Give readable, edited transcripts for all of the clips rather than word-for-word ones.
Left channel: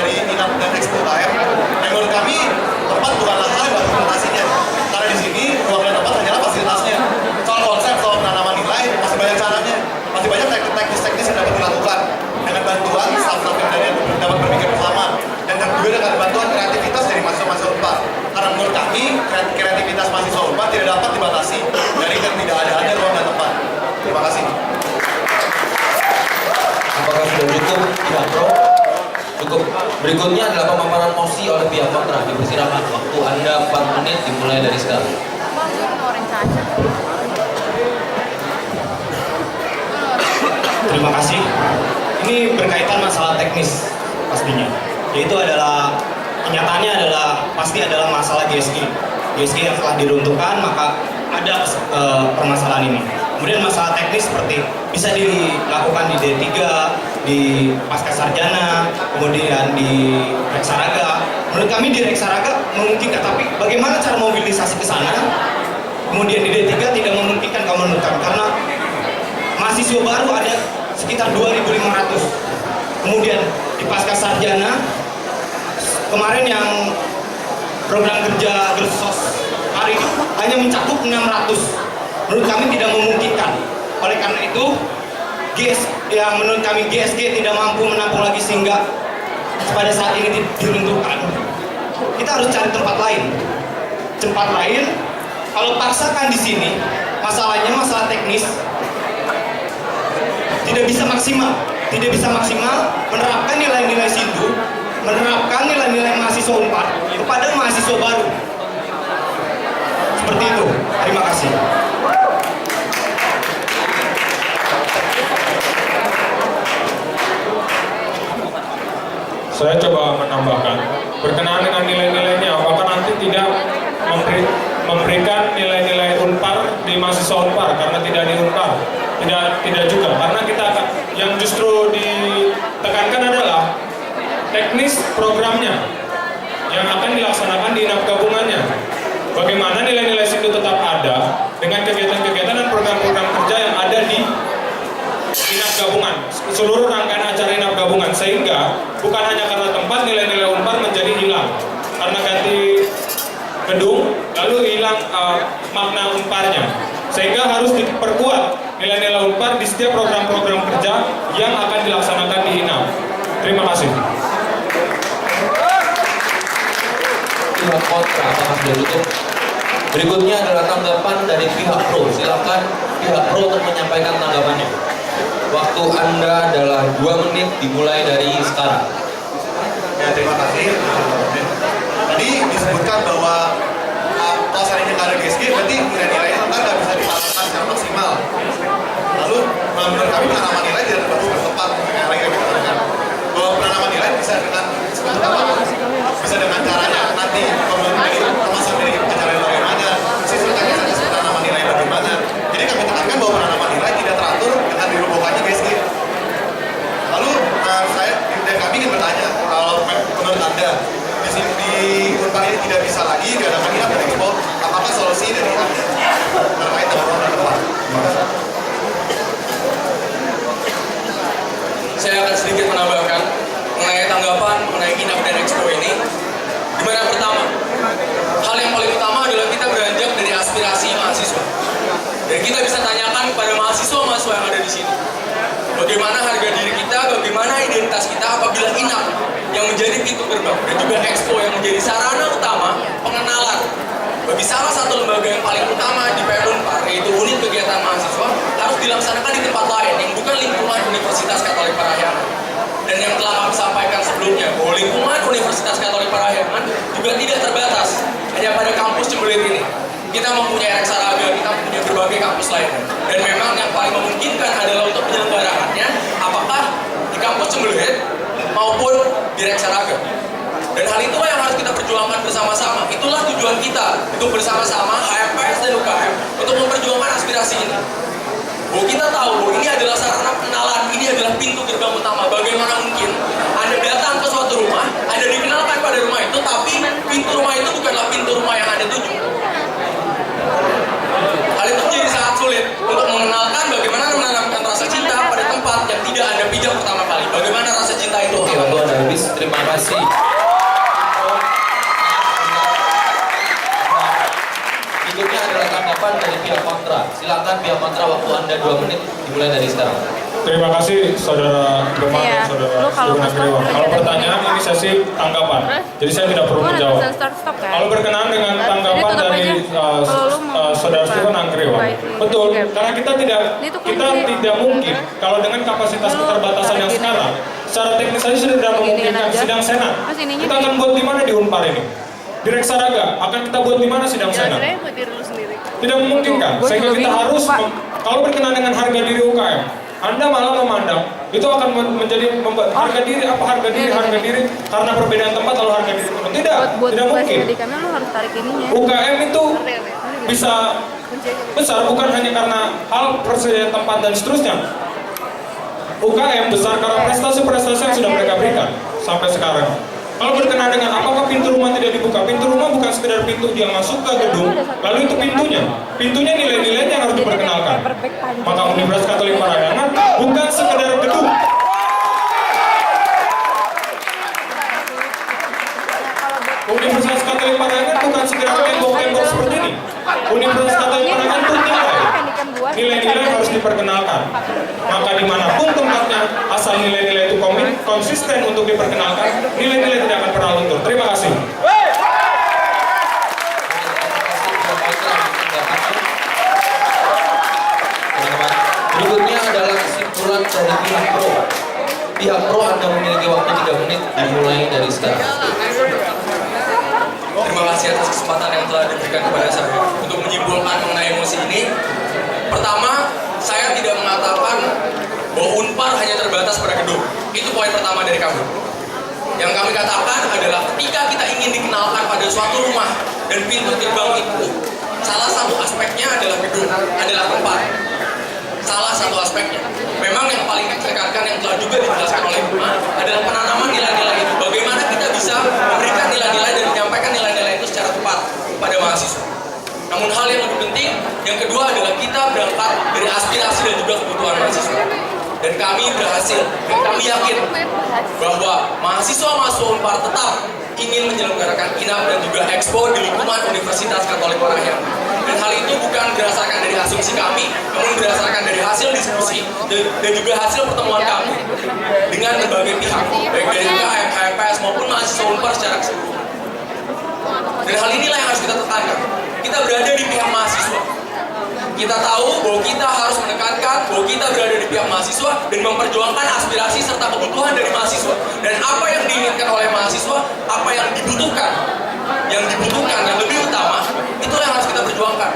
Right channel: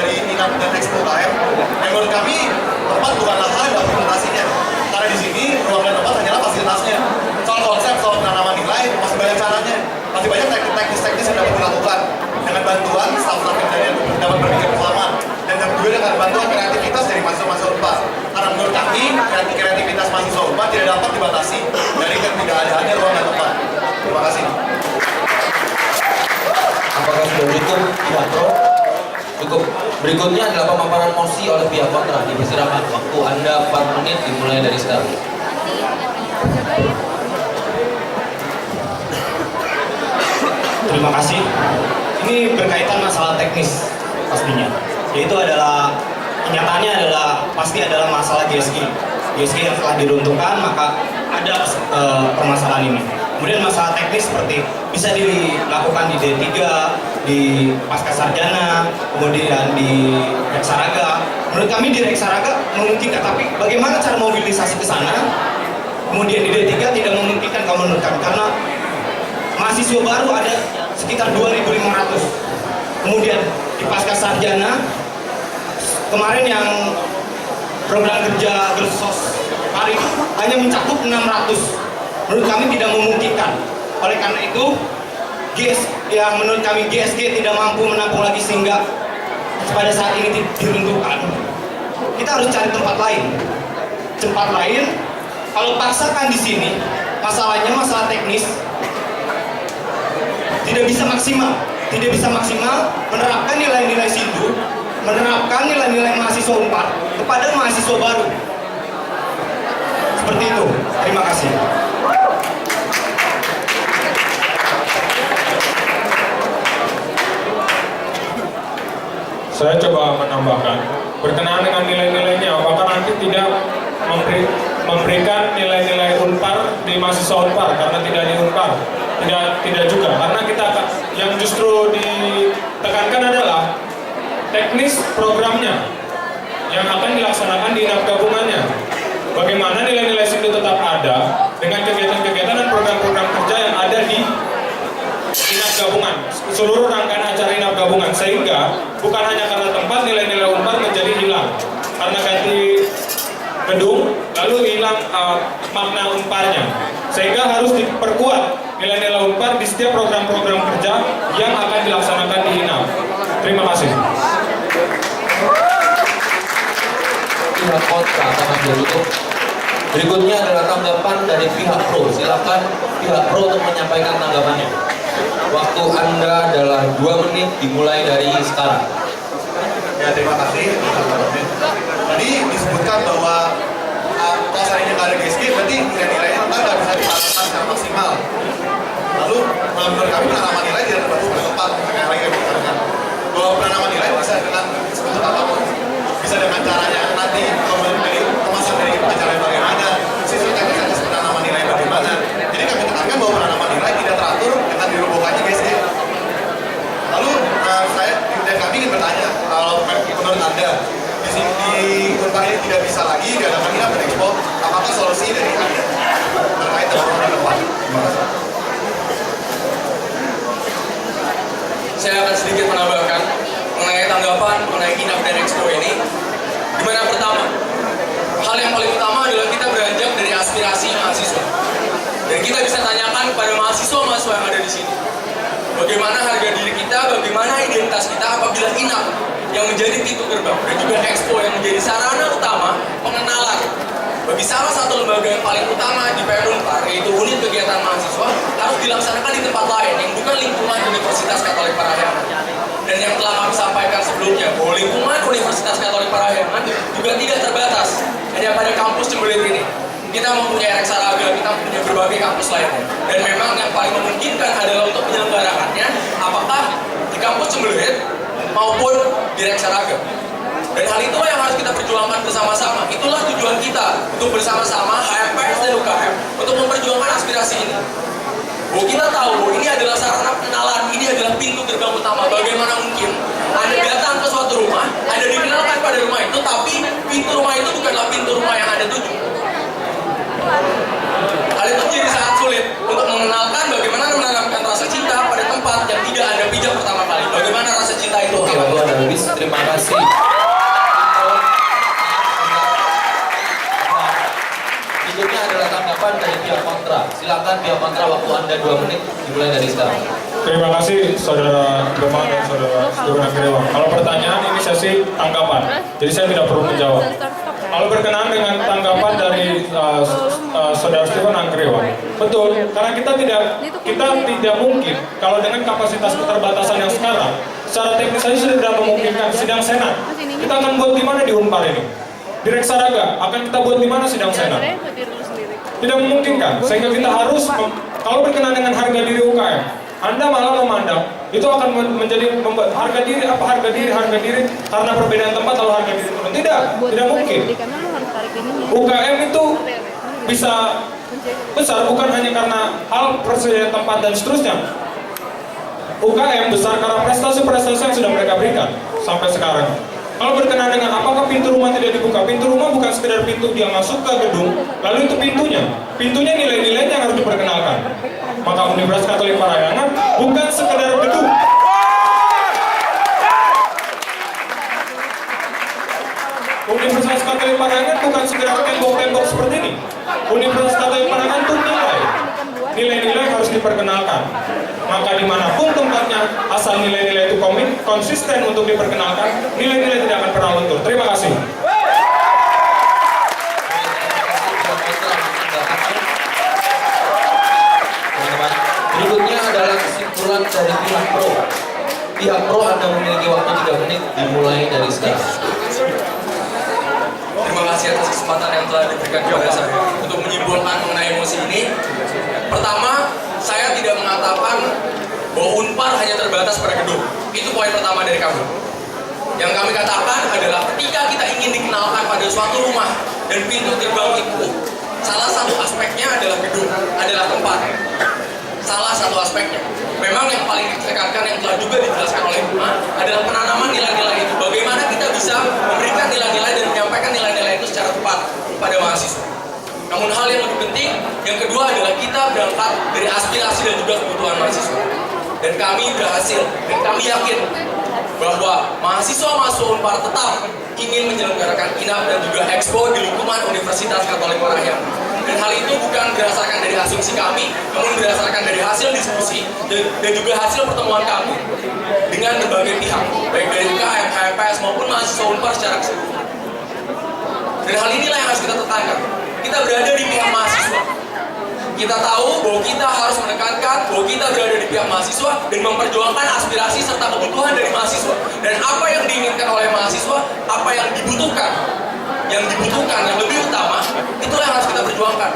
dari Inap dan Expo UKM. Menurut kami tempat bukanlah hal yang implementasinya, karena di sini ruang dan tempat hanyalah fasilitasnya. Soal konsep, soal penanaman nilai masih banyak caranya, masih banyak teknis yang dapat dilakukan dengan bantuan staff-staff yang dapat berpikir bersama, dan juga dengan bantuan kreativitas dari mahasiswa-mahasiswa UNPAR. Karena menurut kami kreativitas mahasiswa UNPAR tidak dapat dibatasi dari ketidakadaannya ruang dan tempat. Terima kasih. Apakah sudah cukup pihak pro? Cukup. Berikutnya adalah pemaparan mosi oleh pihak kontra. Dipersilakan, waktu Anda 4 menit dimulai dari sekarang. Terima kasih. Ini berkaitan masalah teknis pastinya. Yaitu adalah kenyataannya adalah pasti adalah masalah GSG. GSG yang telah diruntuhkan, maka ada permasalahan ini. Kemudian masalah teknis seperti bisa dilakukan di D3, di Pasca Sarjana, kemudian di Reksaraga. Menurut kami di Reksaraga memungkinkan, tapi bagaimana cara mobilisasi ke sana? Kemudian di D3 tidak memungkinkan kalau menurut kami, karena mahasiswa baru ada sekitar 2.500. Kemudian di Pasca Sarjana, kemarin yang program kerja Gersos hari ini hanya mencakup 600. Menurut kami tidak memungkinkan. Oleh karena itu, menurut kami GSG tidak mampu menampung lagi sehingga pada saat ini diruntuhkan. Kita harus cari tempat lain. Tempat lain, kalau paksakan di sini, masalahnya masalah teknis tidak bisa maksimal. Tidak bisa maksimal menerapkan nilai-nilai SINDU, menerapkan nilai-nilai mahasiswa UNPAR kepada mahasiswa baru. Seperti itu. Terima kasih. Saya coba menambahkan, berkenaan dengan nilai-nilainya, apakah nanti tidak memberikan nilai-nilai UNPAR di mahasiswa UNPAR karena tidak di UNPAR? Tidak juga, karena kita yang justru ditekankan adalah teknis programnya yang akan dilaksanakan di Inap gabungannya. Bagaimana nilai-nilai SINDU tetap ada dengan kegiatan-kegiatan dan program-program kerja yang ada di Inap gabungan, seluruh rangkaian acara Inap gabungan, sehingga bukan hanya karena tempat nilai-nilai UNPAR menjadi hilang karena ganti gedung lalu hilang makna UNPAR-nya, sehingga harus diperkuat nilai-nilai UNPAR di setiap program-program kerja yang akan dilaksanakan di Inap. Terima kasih. Pihak kontra, apakah sudah cukup? Berikutnya adalah tanggapan dari pihak pro. Silakan pihak pro untuk menyampaikan tanggapannya. Waktu Anda adalah 2 menit dimulai dari sekarang. Ya, terima kasih. Tadi disebutkan bahwa kalau seandainya nggak ada GSG, berarti nilai-nilainya nggak bisa dilakukan secara maksimal. Lalu menurut kami penanaman nilai tidak terbatas pada tempat. Kayak lagi kami katakan bahwa penanaman nilai bisa dengan sebentuk apapun, bisa dengan caranya nanti kemasan dari acara bagaimana, sistem teknis penanaman nilai bagaimana. Jadi kami tekankan bahwa penanaman nilai tidak teratur dengan dirobohkannya GSG. Lalu dan kami ingin bertanya, kalau menurut Anda di sini di UNPAR ini tidak bisa lagi diadakan Inap dan Expo, apakah solusi dari Anda terkait dengan ruang dan tempat? Terima kasih. Saya akan sedikit menambahkan mengenai tanggapan mengenai Inap dan Expo ini. Dimana pertama, hal yang paling utama adalah kita beranjak dari aspirasi mahasiswa. Dan kita bisa tanyakan kepada mahasiswa-mahasiswa yang ada di sini, bagaimana harga diri kita, bagaimana identitas kita apabila Inap yang menjadi pintu gerbang dan juga Expo yang menjadi sarana utama pengenalan bagi salah satu lembaga yang paling utama di PN UNPAR, yaitu unit kegiatan mahasiswa, harus dilaksanakan di tempat lain yang bukan lingkungan Universitas Katolik Parahyangan. Dan yang telah kami sampaikan sebelumnya, bahwa lingkungan Universitas Katolik Parahyangan juga tidak terbatas hanya pada kampus Cembelit ini. Kita mempunyai Reksaraga, kita mempunyai berbagai kampus lainnya. Dan memang yang paling memungkinkan adalah untuk penyelenggaraannya, apakah di kampus Cembelit maupun di Reksaraga. Dan hal itulah yang harus kita perjuangkan bersama-sama. Itulah tujuan kita untuk bersama-sama HMPS dan UKM untuk memperjuangkan aspirasi ini. Bahwa kita tahu bahwa ini adalah sarana pengenalan, ini adalah pintu gerbang utama. Bagaimana mungkin Anda datang ke suatu rumah, Anda dikenalkan pada rumah itu, tapi pintu rumah itu bukanlah pintu rumah yang Anda tuju. Hal itu menjadi sangat sulit untuk mengenalkan bagaimana menanamkan rasa cinta pada tempat yang tidak Anda pijak pertama kali. Bagaimana rasa cinta ini Oke, waktu Anda habis. Terima kasih. Berikutnya adalah tanggapan dari pihak kontra. Silakan pihak kontra, waktu Anda 2 menit dimulai dari sekarang. Terima kasih Saudara Gemma dan Saudara Stephen Anggriwang. Kalau pertanyaan ini sesi tanggapan, jadi saya tidak perlu menjawab. Kalau berkenaan dengan tanggapan dari Saudara Stephen Anggriwang, betul, karena kita tidak mungkin kalau dengan kapasitas keterbatasan yang sekarang, secara teknis saja sudah tidak memungkinkan sidang senat. Kita akan buat di mana di Unpar ini? Di Reksaraga akan kita buat di mana sidang senat? Tidak memungkinkan, sehingga kita harus kalau berkenaan dengan harga diri UKM, Anda malah memandang itu akan menjadi harga diri karena perbedaan tempat lalu harga diri turun. Tidak mungkin. UKM itu bisa besar bukan hanya karena hal persediaan tempat dan seterusnya. UKM besar karena prestasi-prestasi yang sudah mereka berikan sampai sekarang. Kalau berkenaan dengan apakah pintu rumah tidak dibuka, pintu rumah bukan sekedar pintu dia masuk ke gedung, lalu itu pintunya nilai-nilainya yang harus diperkenalkan. Maka Universitas Katolik Parahyangan bukan sekedar gedung. Universitas Katolik Parahyangan bukan sekedar tembok-tembok seperti ini. Universitas Katolik Parahyangan itu nilai-nilai harus diperkenalkan. Maka dimanapun tempatnya, asal nilai-nilai itu konsisten untuk diperkenalkan, nilai-nilai tidak akan pernah luntur. Terima kasih. Berikutnya adalah kesimpulan dari pihak pro. Pihak pro Anda memiliki waktu 3 menit dimulai dari sekarang. Terima kasih atas kesempatan yang telah diberikan kepada saya untuk menyimpulkan mengenai emosi ini. Pertama, saya tidak mengatakan bahwa Unpar hanya terbatas pada gedung. Itu poin pertama dari kami. Yang kami katakan adalah ketika kita ingin dikenalkan pada suatu rumah dan pintu gerbang itu, salah satu aspeknya adalah gedung, adalah tempat. Salah satu aspeknya. Memang yang paling ditekankan yang telah juga dijelaskan oleh Gemma adalah penanaman nilai-nilai itu. Bagaimana kita bisa memberikan nilai-nilai dan menyampaikan nilai-nilai itu secara tepat pada mahasiswa. Namun hal yang lebih penting, yang kedua adalah kita berangkat dari aspirasi dan juga kebutuhan mahasiswa. Dan kami berhasil, dan kami yakin bahwa mahasiswa-mahasiswa Unpar tetap ingin menyelenggarakan INAP dan juga Expo di lingkungan Universitas Katolik Parahyangan. Dan hal itu bukan berdasarkan dari asumsi kami, namun berdasarkan dari hasil diskusi dan juga hasil pertemuan kami dengan berbagai pihak, baik dari UKM, HMPS maupun mahasiswa Unpar secara keseluruhan. Dan hal inilah yang harus kita tekankan. Kita berada di pihak mahasiswa. Kita tahu bahwa kita harus menekankan bahwa kita berada di pihak mahasiswa dan memperjuangkan aspirasi serta kebutuhan dari mahasiswa. Dan apa yang diinginkan oleh mahasiswa, apa yang dibutuhkan yang lebih utama, itulah yang harus kita perjuangkan.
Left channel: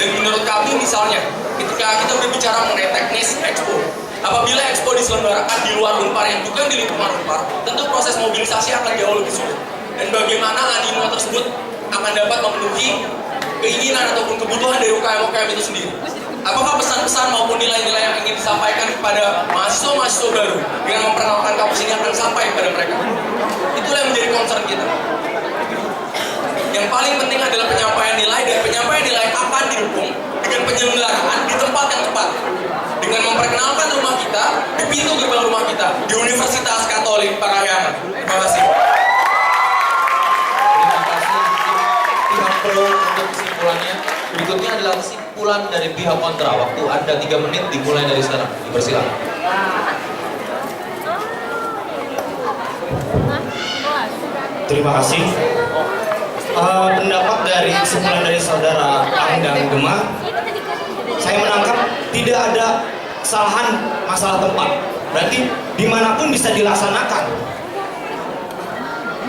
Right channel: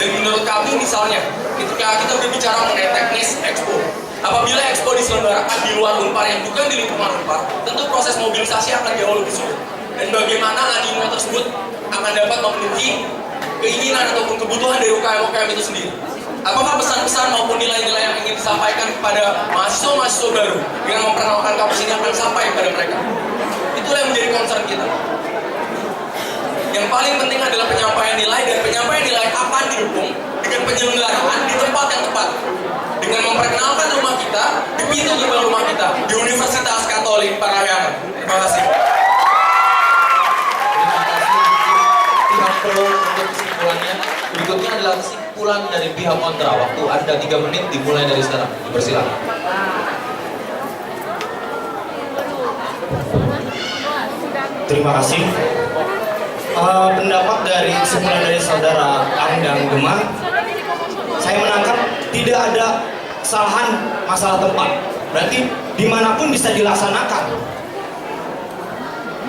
Dan menurut kami misalnya, ketika kita berbicara mengenai teknis Expo, apabila Expo diselenggarakan di luar Unpar yang bukan di lingkungan Unpar, tentu proses mobilisasi akan jauh lebih sulit. Dan bagaimana animo tersebut akan dapat memenuhi keinginan ataupun kebutuhan dari UKM-UKM itu sendiri. Apakah pesan-pesan maupun nilai-nilai yang ingin disampaikan kepada mahasiswa-mahasiswa baru dengan memperkenalkan kampus ini akan sampai kepada mereka? Itulah yang menjadi concern kita. Yang paling penting adalah penyampaian nilai, dan penyampaian nilai akan didukung dengan penyelenggaraan di tempat yang tepat. Dengan memperkenalkan rumah kita, di pintu gerbang rumah kita, di Universitas Katolik Parahyangan. Terima kasih. Pihak pro untuk kesimpulannya. Berikutnya adalah kesimpulan dari pihak kontra. Waktu Anda 3 menit dimulai dari sekarang. Dipersilakan. Terima kasih. Pendapat dari kesimpulan dari saudara Ang dan Gemma, saya menangkap tidak ada kesalahan masalah tempat. Berarti dimanapun bisa dilaksanakan.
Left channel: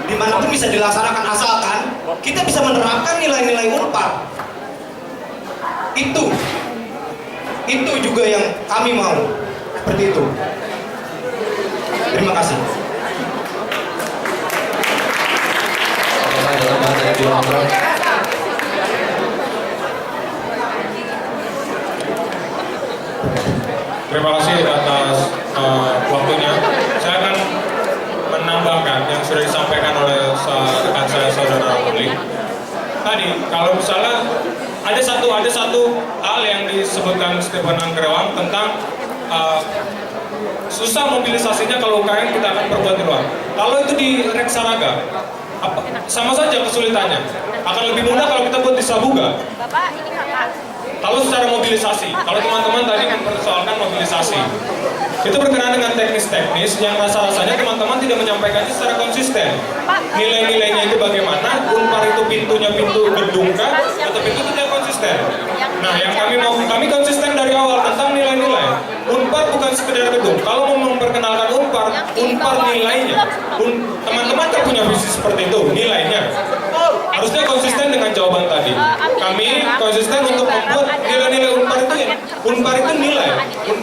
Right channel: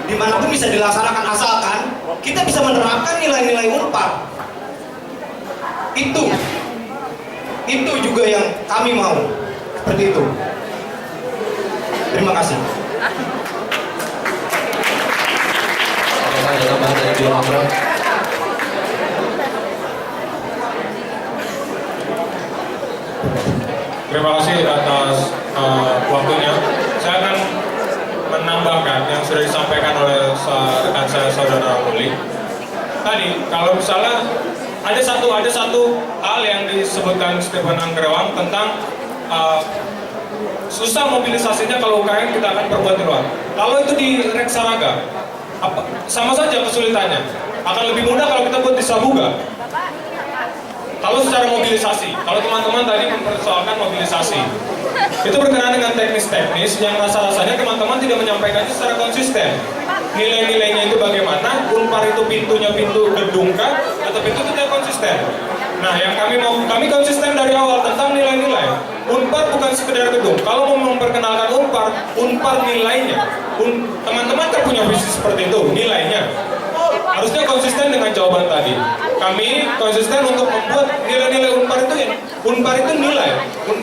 Dimanapun bisa dilaksanakan asalkan kita bisa menerapkan nilai-nilai Unpar. Itu juga yang kami mau. Seperti itu. Terima kasih. Ada tambahan dari pihak kontra? Terima kasih atas waktunya. Saya akan menambahkan yang sudah disampaikan oleh rekan saya saudara Uli. Tadi kalau misalnya ada satu hal yang disebutkan Stephen Anggriwang tentang susah mobilisasinya kalau UKM kita akan perbuat di luar. Kalau itu di Reksawaga, sama saja kesulitannya. Akan lebih mudah kalau kita buat di Sabuga. Kalau secara mobilisasi, kalau teman-teman tadi mempersoalkan mobilisasi, itu berkenaan dengan teknis-teknis yang rasa-rasanya teman-teman tidak menyampaikannya secara konsisten. Nilai-nilainya itu bagaimana, Unpar itu pintunya pintu gedung kah, atau pintu itu tidak konsisten. Nah, yang kami konsisten dari awal tentang nilai-nilai. Unpar bukan sekedar gedung. Kalau mau memperkenalkan Unpar nilainya. Teman-teman kan punya visi seperti itu, nilainya. Harusnya konsisten dengan jawaban tadi. Kami konsisten untuk membuat nilai-nilai Unpar itu nilai.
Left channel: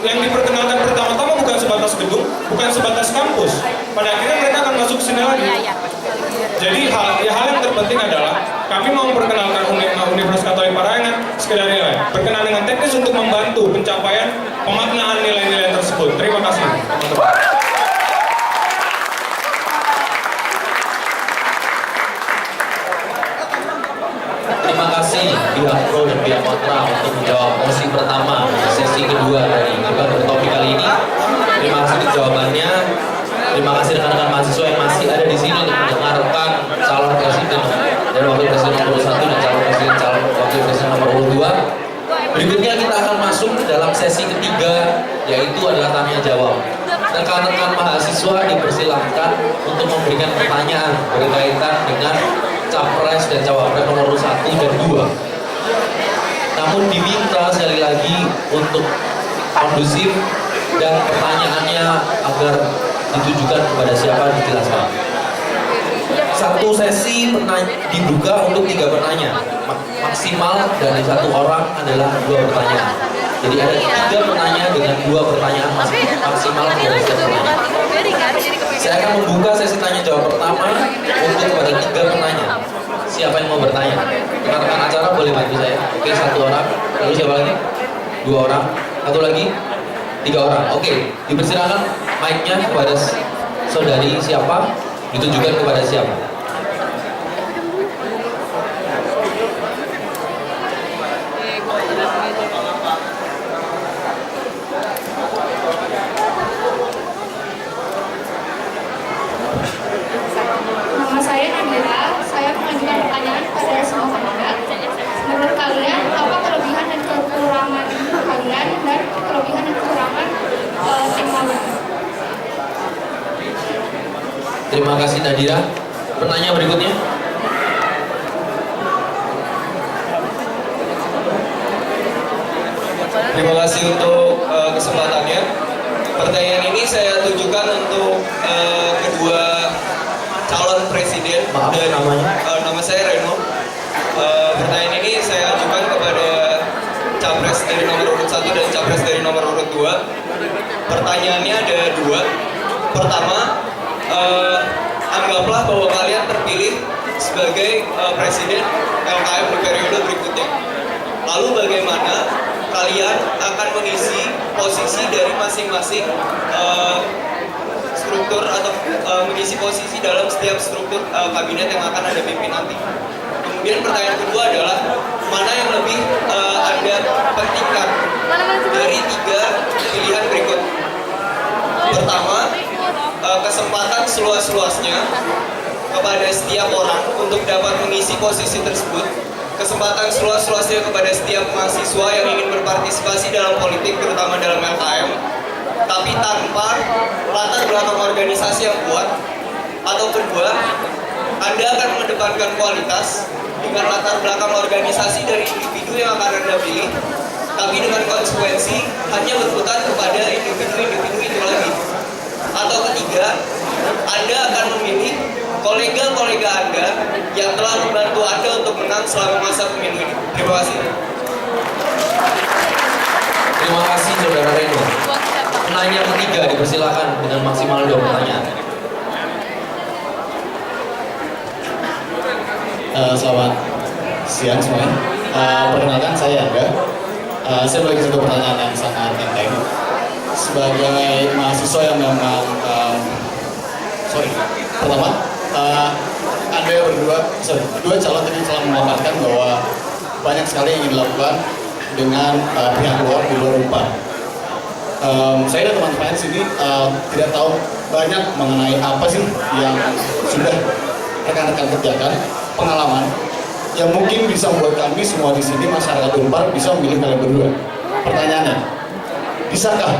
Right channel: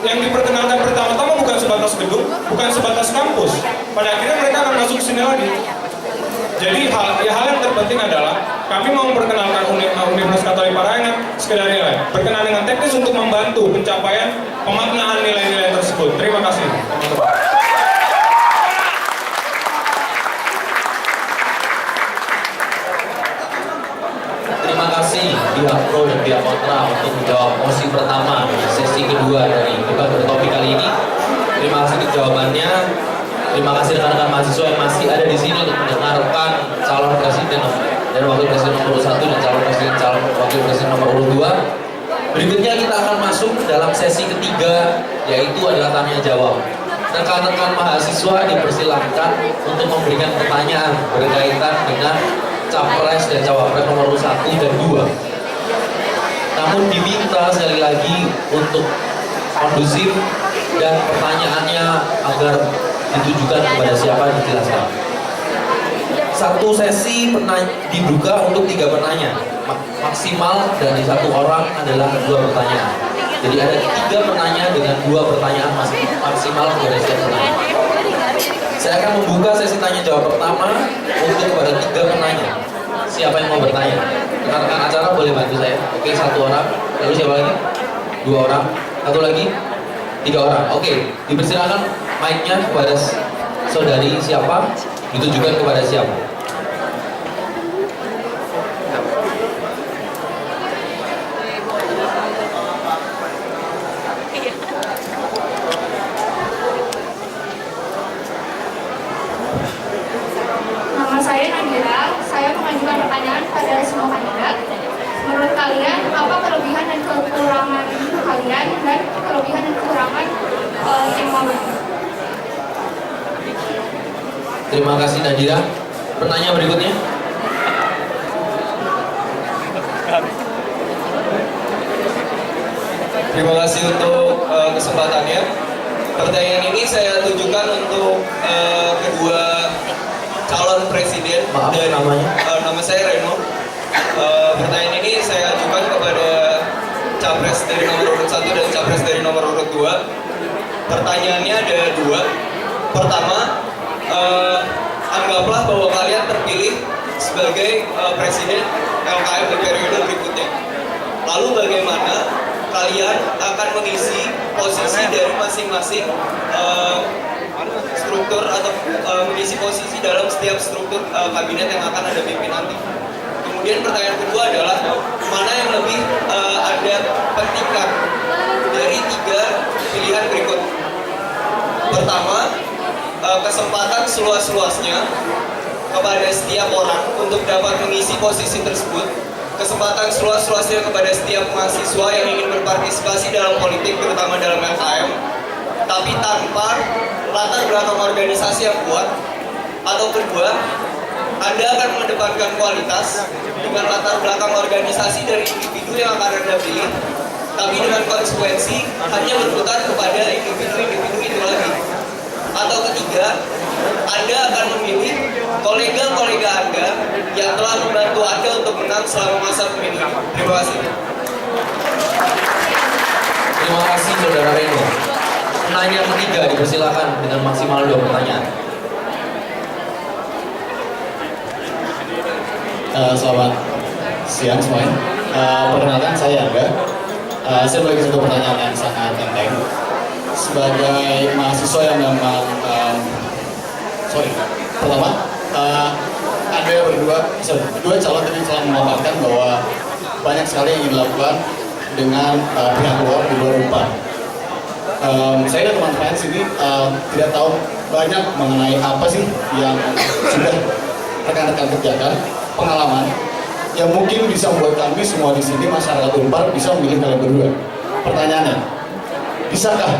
Yang diperkenalkan pertama-tama bukan sebatas gedung, bukan sebatas kampus. Pada akhirnya mereka akan masuk sini lagi. Jadi hal yang terpenting adalah kami mau memperkenalkan Universitas Katolik Parahyangan sekedar nilai. Berkenaan dengan teknis untuk membantu pencapaian pemaknaan nilai-nilai tersebut. Terima kasih, teman-teman. Terima kasih pihak pro dan pihak kontra untuk menjawab mosi pertama sesi kedua dari debat bertopik kali ini. Terima kasih untuk jawabannya. Terima kasih rekan-rekan mahasiswa yang masih ada di sini untuk mendengarkan calon presiden dan wakil presiden nomor 1 dan calon wakil presiden nomor 2. Berikutnya kita akan masuk ke dalam sesi ketiga, yaitu adalah tanya jawab. Rekan-rekan mahasiswa dipersilahkan untuk memberikan pertanyaan berkaitan dengan capres dan cawapres nomor 1 dan 2. Namun diminta sekali lagi untuk kondusif dan pertanyaannya agar ditujukan kepada siapa dijelaskan. Satu sesi dibuka untuk 3 penanya. Maksimal dari 1 orang adalah 2 pertanyaan. Jadi ada 3 penanya dengan 2 pertanyaan maksimal dari setiap penanya. Saya akan membuka sesi tanya jawab pertama untuk kepada 3 penanya. Siapa yang mau bertanya? Rekan-rekan acara boleh bantu saya. Oke, 1 orang. Lalu siapa lagi? 2 orang. 1 lagi? 3 orang. Oke, dipersilakan mic-nya kepada saudari siapa, ditujukan kepada siapa. Nama saya Nadira, saya mengajukan pertanyaan pada semua kandidat. Menurut kalian, apa kelebihan dan kekurangan kalian dan kelebihan dan kekurangan tim lawan? Terima kasih Nadira. Penanya berikutnya. Terima kasih untuk kesempatannya. Pertanyaan ini saya tujukan untuk kedua calon presiden. Maaf, namanya? Nama saya Reno. Pertanyaan ini saya ajukan kepada capres dari nomor urut 1 dan capres dari nomor urut 2. Pertanyaannya ada 2. Pertama, anggaplah bahwa kalian terpilih sebagai presiden LKM di periode berikutnya. Lalu bagaimana kalian akan mengisi posisi dari masing-masing struktur atau mengisi posisi dalam setiap struktur kabinet yang akan Anda pimpin nanti. Kemudian pertanyaan kedua adalah mana yang lebih Anda pentingkan dari 3 pilihan berikut. Pertama, kesempatan seluas-luasnya kepada setiap orang untuk dapat mengisi posisi tersebut. Kesempatan seluas-luasnya kepada setiap mahasiswa yang ingin berpartisipasi dalam politik, terutama dalam LKM, tapi tanpa latar belakang organisasi yang kuat. Atau kedua, Anda akan mengedepankan kualitas dengan latar belakang organisasi dari individu yang akan Anda pilih, tapi dengan konsekuensi hanya berputar kepada individu-individu itu lagi. Atau ketiga, Anda akan memilih kolega-kolega Anda yang telah membantu Anda untuk menang selama masa pemilu ini. Terima kasih. Terima kasih Saudara Reno. Penanya ketiga dipersilakan dengan maksimal 2 pertanyaan. Selamat siang semuanya. Perkenalkan saya Angga. Saya memiliki satu pertanyaan yang sangat enteng. Sebagai mahasiswa yang memang pertama, Anda berdua calon tadi telah memaparkan bahwa banyak sekali yang ingin dilakukan dengan pihak luar di luar UNPAR. Saya dan teman-teman di sini tidak tahu banyak mengenai apa sih yang sudah rekan-rekan kerjakan, pengalaman yang mungkin bisa membuat kami semua di sini masyarakat Unpar bisa memilih kalian berdua. Pertanyaannya, bisakah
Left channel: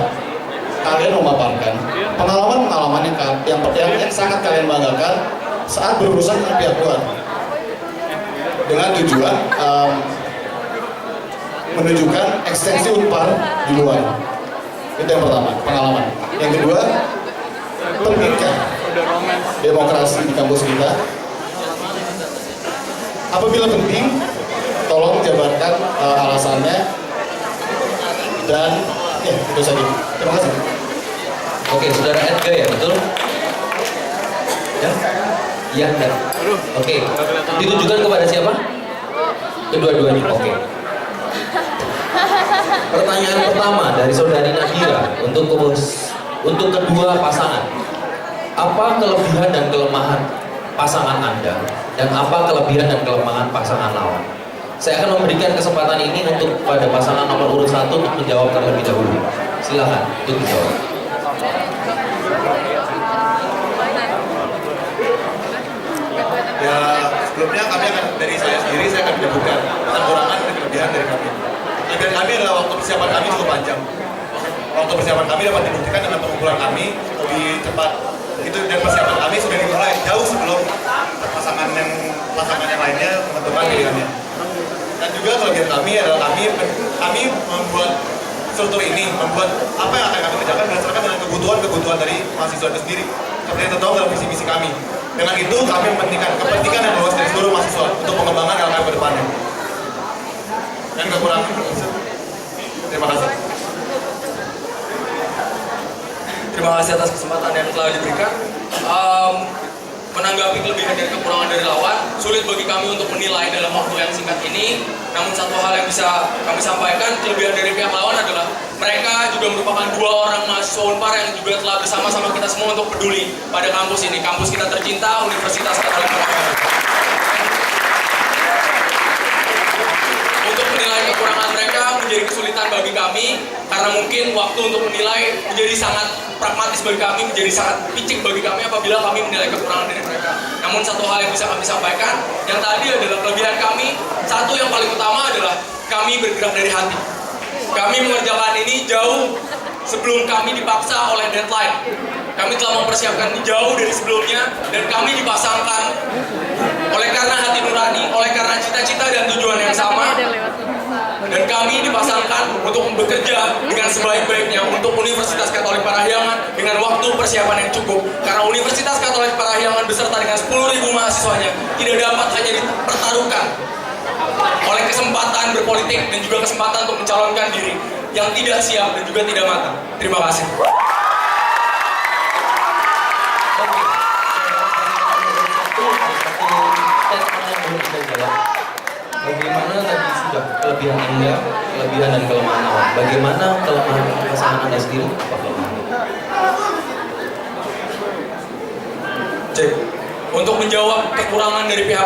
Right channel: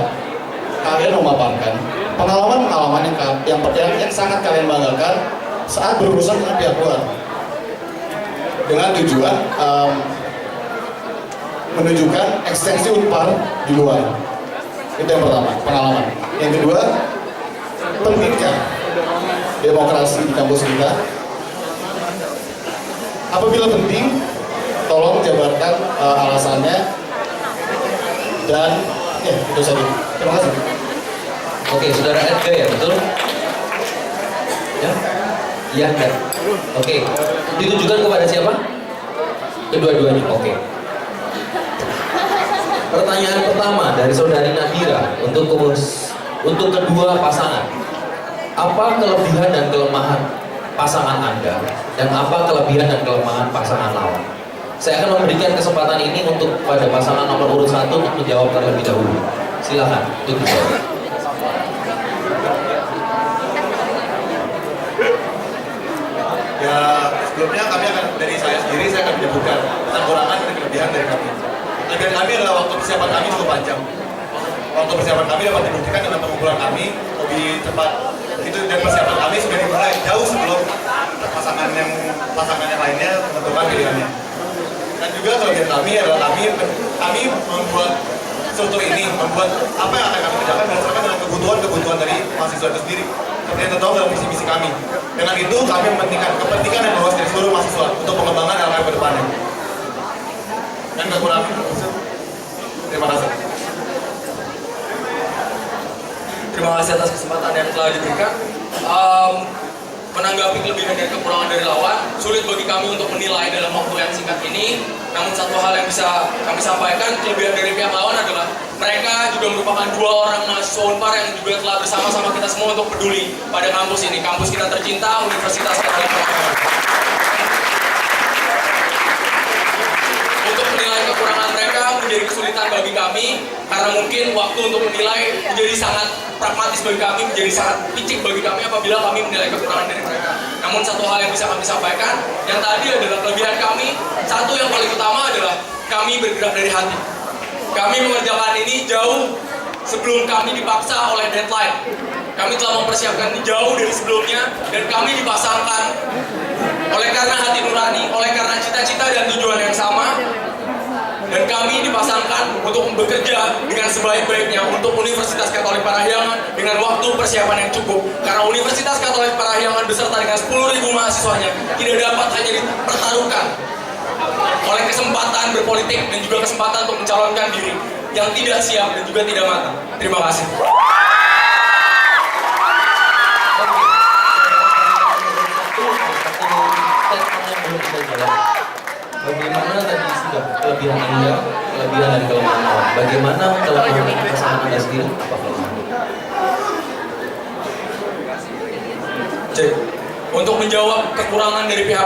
kalian memaparkan pengalaman-pengalaman yang sangat kalian banggakan saat berurusan dengan pihak luar dengan tujuan menunjukkan ekstensi Unpar di luar? Itu yang pertama, pengalaman. Yang kedua, pentingkah demokrasi di kampus kita? Apabila penting, tolong jabarkan alasannya. Dan ya, itu saja. Terima kasih. Oke, saudara Edgar ya, betul? Ya? Iya, enggak? Oke, ditujukan kepada siapa? Kedua-duanya, oke. Pertanyaan pertama dari saudari Nadira untuk kedua pasangan. Apa kelebihan dan kelemahan pasangan Anda dan apa kelebihan dan kelemahan pasangan lawan? Saya akan memberikan kesempatan ini untuk pada pasangan nomor urut 1 untuk menjawab terlebih dahulu. Silakan untuk dijawab. Ya, sebelumnya kami akan, dari saya sendiri, saya akan menyebutkan kekurangan dan kelebihan dari kami. Kelebihan kami adalah waktu persiapan kami cukup panjang. Waktu persiapan kami dapat dibuktikan dengan pengumpulan kami lebih cepat. Itu dan persiapan kami sudah dimulai jauh sebelum pasangan yang lainnya menentukan pilihannya. Dan juga kelebihan kami adalah kami membuat struktur ini, membuat apa yang akan kami kerjakan berdasarkan dengan kebutuhan dari mahasiswa itu sendiri. Seperti yang tertuang dalam visi-misi kami. Dengan itu kami mementingkan kepentingan yang luas dari seluruh mahasiswa untuk pengembangan LKM ke depannya. Dan kekurangan. Terima kasih. Terima kasih atas kesempatan yang telah diberikan. Menanggapi kelebihan dan kekurangan dari lawan, sulit bagi kami untuk menilai dalam waktu yang singkat ini. Namun satu hal yang bisa kami sampaikan, kelebihan dari pihak lawan adalah mereka juga merupakan 2 orang mahasiswa Unpar yang juga telah bersama-sama kita semua untuk peduli pada kampus ini. Kampus kita tercinta, Universitas Katolik Parahiangan. Untuk menilai kekurangan mereka menjadi kesulitan bagi kami, karena mungkin waktu untuk menilai menjadi sangat pragmatis bagi kami, menjadi sangat picik bagi kami apabila kami menilai kekurangan dari mereka. Namun satu hal yang bisa kami sampaikan, yang tadi adalah kelebihan kami, satu yang paling utama adalah kami bergerak dari hati. Kami mengerjakan ini jauh sebelum kami dipaksa oleh deadline. Kami telah mempersiapkan ini jauh dari sebelumnya, dan kami dipasangkan oleh karena hati nurani, oleh karena cita-cita dan tujuan yang sama, dan kami dipasangkan untuk bekerja dengan sebaik-baiknya untuk Universitas Katolik Parahiangan dengan waktu persiapan yang cukup. Karena Universitas Katolik Parahiangan beserta dengan 10.000 mahasiswanya tidak dapat hanya dipertaruhkan oleh kesempatan berpolitik dan juga kesempatan untuk mencalonkan diri yang tidak siap dan juga tidak matang. Terima kasih. Bagaimana tadi sudah kelebihan Anda, kelebihan dan kelemahan lawan? Bagaimana kelemahan pasangan Anda sendiri? Apa kelemahan? Cek. Untuk menjawab kekurangan dari pihak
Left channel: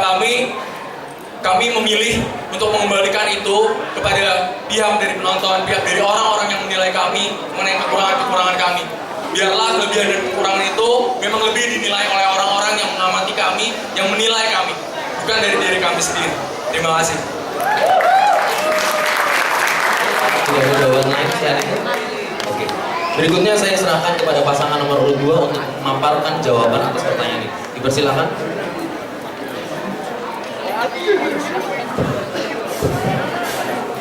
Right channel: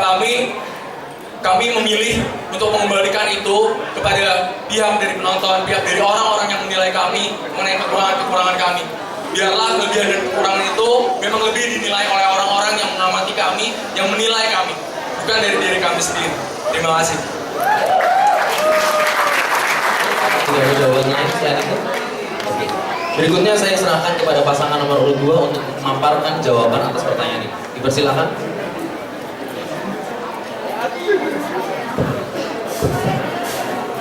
kami memilih untuk mengembalikan itu kepada pihak dari penonton, pihak dari orang-orang yang menilai kami mengenai kekurangan-kekurangan kami. Biarlah kelebihan dan kekurangan itu memang lebih dinilai oleh orang-orang yang mengamati kami, yang menilai kami, bukan dari diri kami sendiri. Terima kasih. Sudah ada jawabannya siang itu? Oke. Berikutnya saya serahkan kepada pasangan nomor urut 2 untuk memaparkan jawaban atas pertanyaan ini. Dipersilakan.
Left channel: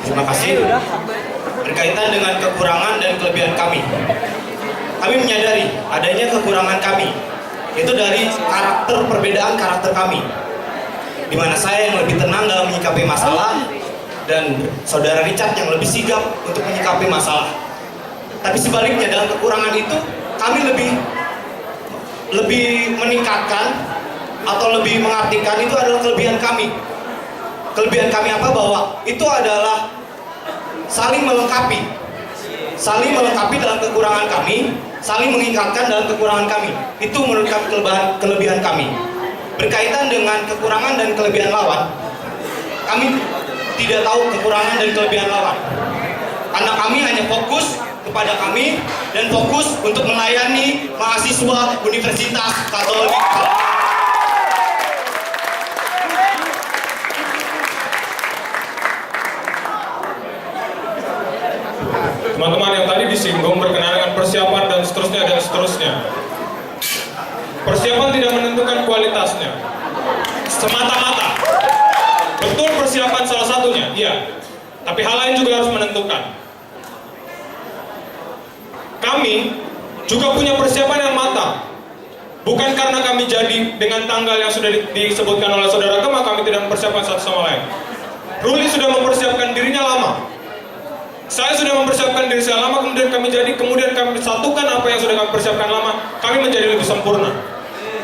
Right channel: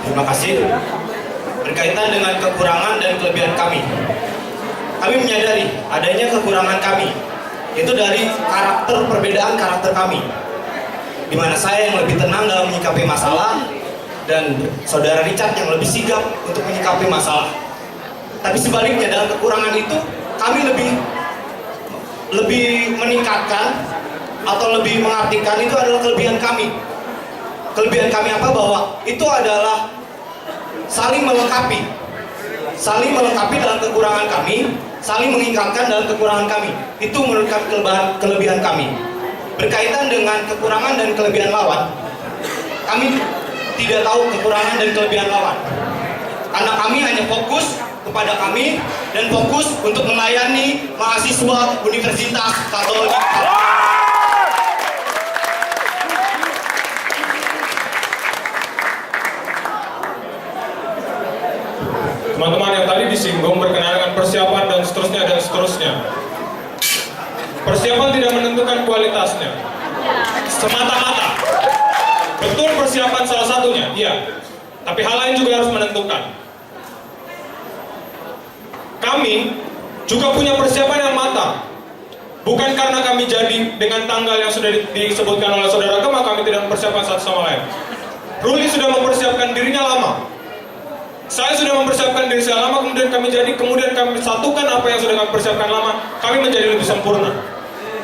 Terima kasih. Berkaitan dengan kekurangan dan kelebihan kami menyadari adanya kekurangan kami, yaitu dari perbedaan karakter kami, di mana saya yang lebih tenang dalam menyikapi masalah dan saudara Richard yang lebih sigap untuk menyikapi masalah. Tapi sebaliknya, dalam kekurangan itu kami lebih meningkatkan atau lebih mengartikan itu adalah kelebihan kami. Kelebihan kami apa? Bahwa itu adalah saling melengkapi dalam kekurangan kami, saling mengingatkan dalam kekurangan kami. Itu menurut kami kelebihan kami. Berkaitan dengan kekurangan dan kelebihan lawan, kami tidak tahu kekurangan dan kelebihan lawan, karena kami hanya fokus kepada kami dan fokus untuk melayani mahasiswa Universitas Katolik. Teman-teman yang tadi disinggung berkenaan dengan persiapan dan seterusnya. Persiapan tidak menentukan kualitasnya. Semata-mata. Betul persiapan salah satunya, iya. Tapi hal lain juga harus menentukan. Kami juga punya persiapan yang matang. Bukan karena kami jadi dengan tanggal yang sudah disebutkan oleh saudara Gema, kami tidak mempersiapkan satu sama lain. Ruli sudah mempersiapkan dirinya lama. Saya sudah mempersiapkan diri saya lama, kemudian kami satukan apa yang sudah kami persiapkan lama, kami menjadi lebih sempurna.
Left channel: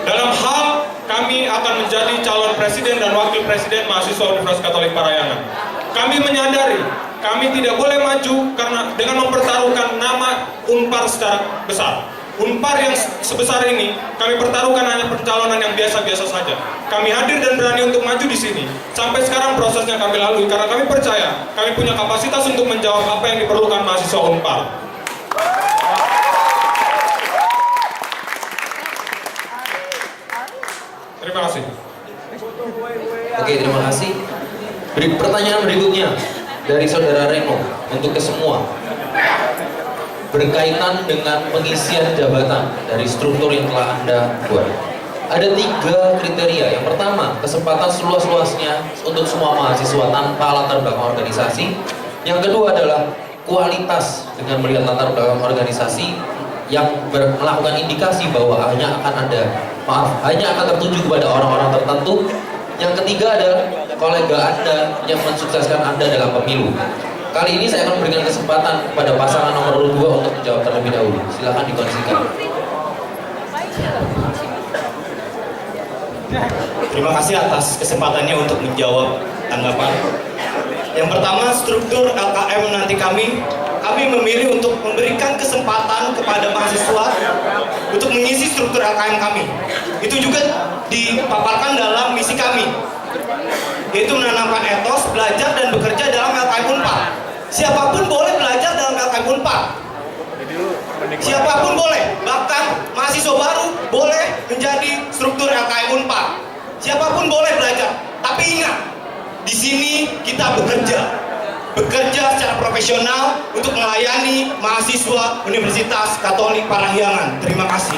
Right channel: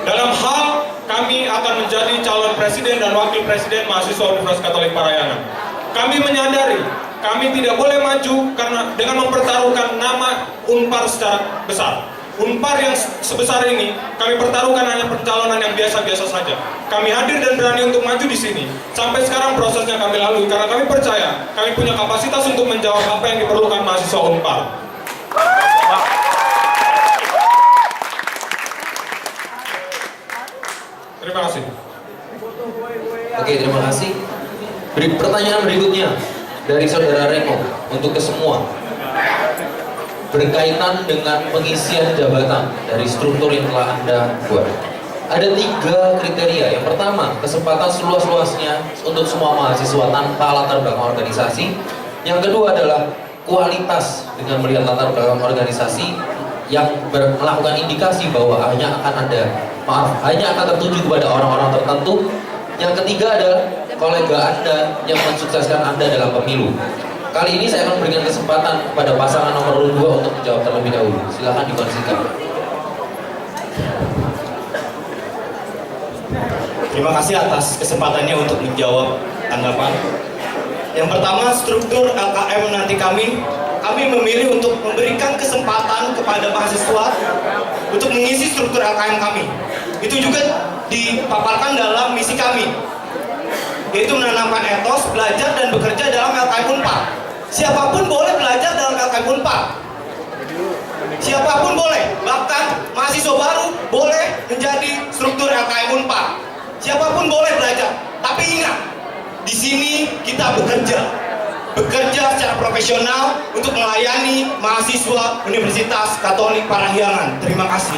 Dalam hal kami akan menjadi calon presiden dan wakil presiden mahasiswa Universitas Katolik Parahyangan. Kami menyadari kami tidak boleh maju karena dengan mempertaruhkan nama Unpar secara besar. Unpar yang sebesar ini kami pertaruhkan hanya pencalonan yang biasa-biasa saja. Kami hadir dan berani untuk maju di sini. Sampai sekarang prosesnya kami lalui karena kami percaya kami punya kapasitas untuk menjawab apa yang diperlukan mahasiswa Unpar. Terima kasih. Oke, terima kasih. Pertanyaan berikutnya dari saudara Reno untuk ke semua, berkaitan dengan pengisian jabatan dari struktur yang telah Anda buat. Ada 3 kriteria. Yang pertama, kesempatan seluas-luasnya untuk semua mahasiswa tanpa latar belakang organisasi. Yang kedua adalah kualitas dengan melihat latar belakang organisasi yang melakukan indikasi bahwa hanya akan tertuju kepada orang-orang tertentu. Yang ketiga adalah kolega Anda yang mensukseskan Anda dalam pemilu. Kali ini saya akan memberikan kesempatan kepada pasangan nomor 2 untuk menjawab terlebih dahulu. Silakan dikondisikan. Terima kasih atas kesempatannya untuk menjawab tanggapan. Yang pertama, struktur LKM nanti kami memilih untuk memberikan kesempatan kepada mahasiswa untuk mengisi struktur LKM kami. Itu juga dipaparkan dalam misi kami, yaitu menanamkan etos belajar dan bekerja dalam LKM Unpar. Siapapun boleh belajar dalam LKM Unpar. Siapapun boleh, bahkan mahasiswa baru boleh menjadi struktur LKM Unpar. Siapapun boleh belajar. Tapi ingat, di sini kita bekerja secara profesional untuk melayani mahasiswa Universitas Katolik Parahyangan. Terima kasih.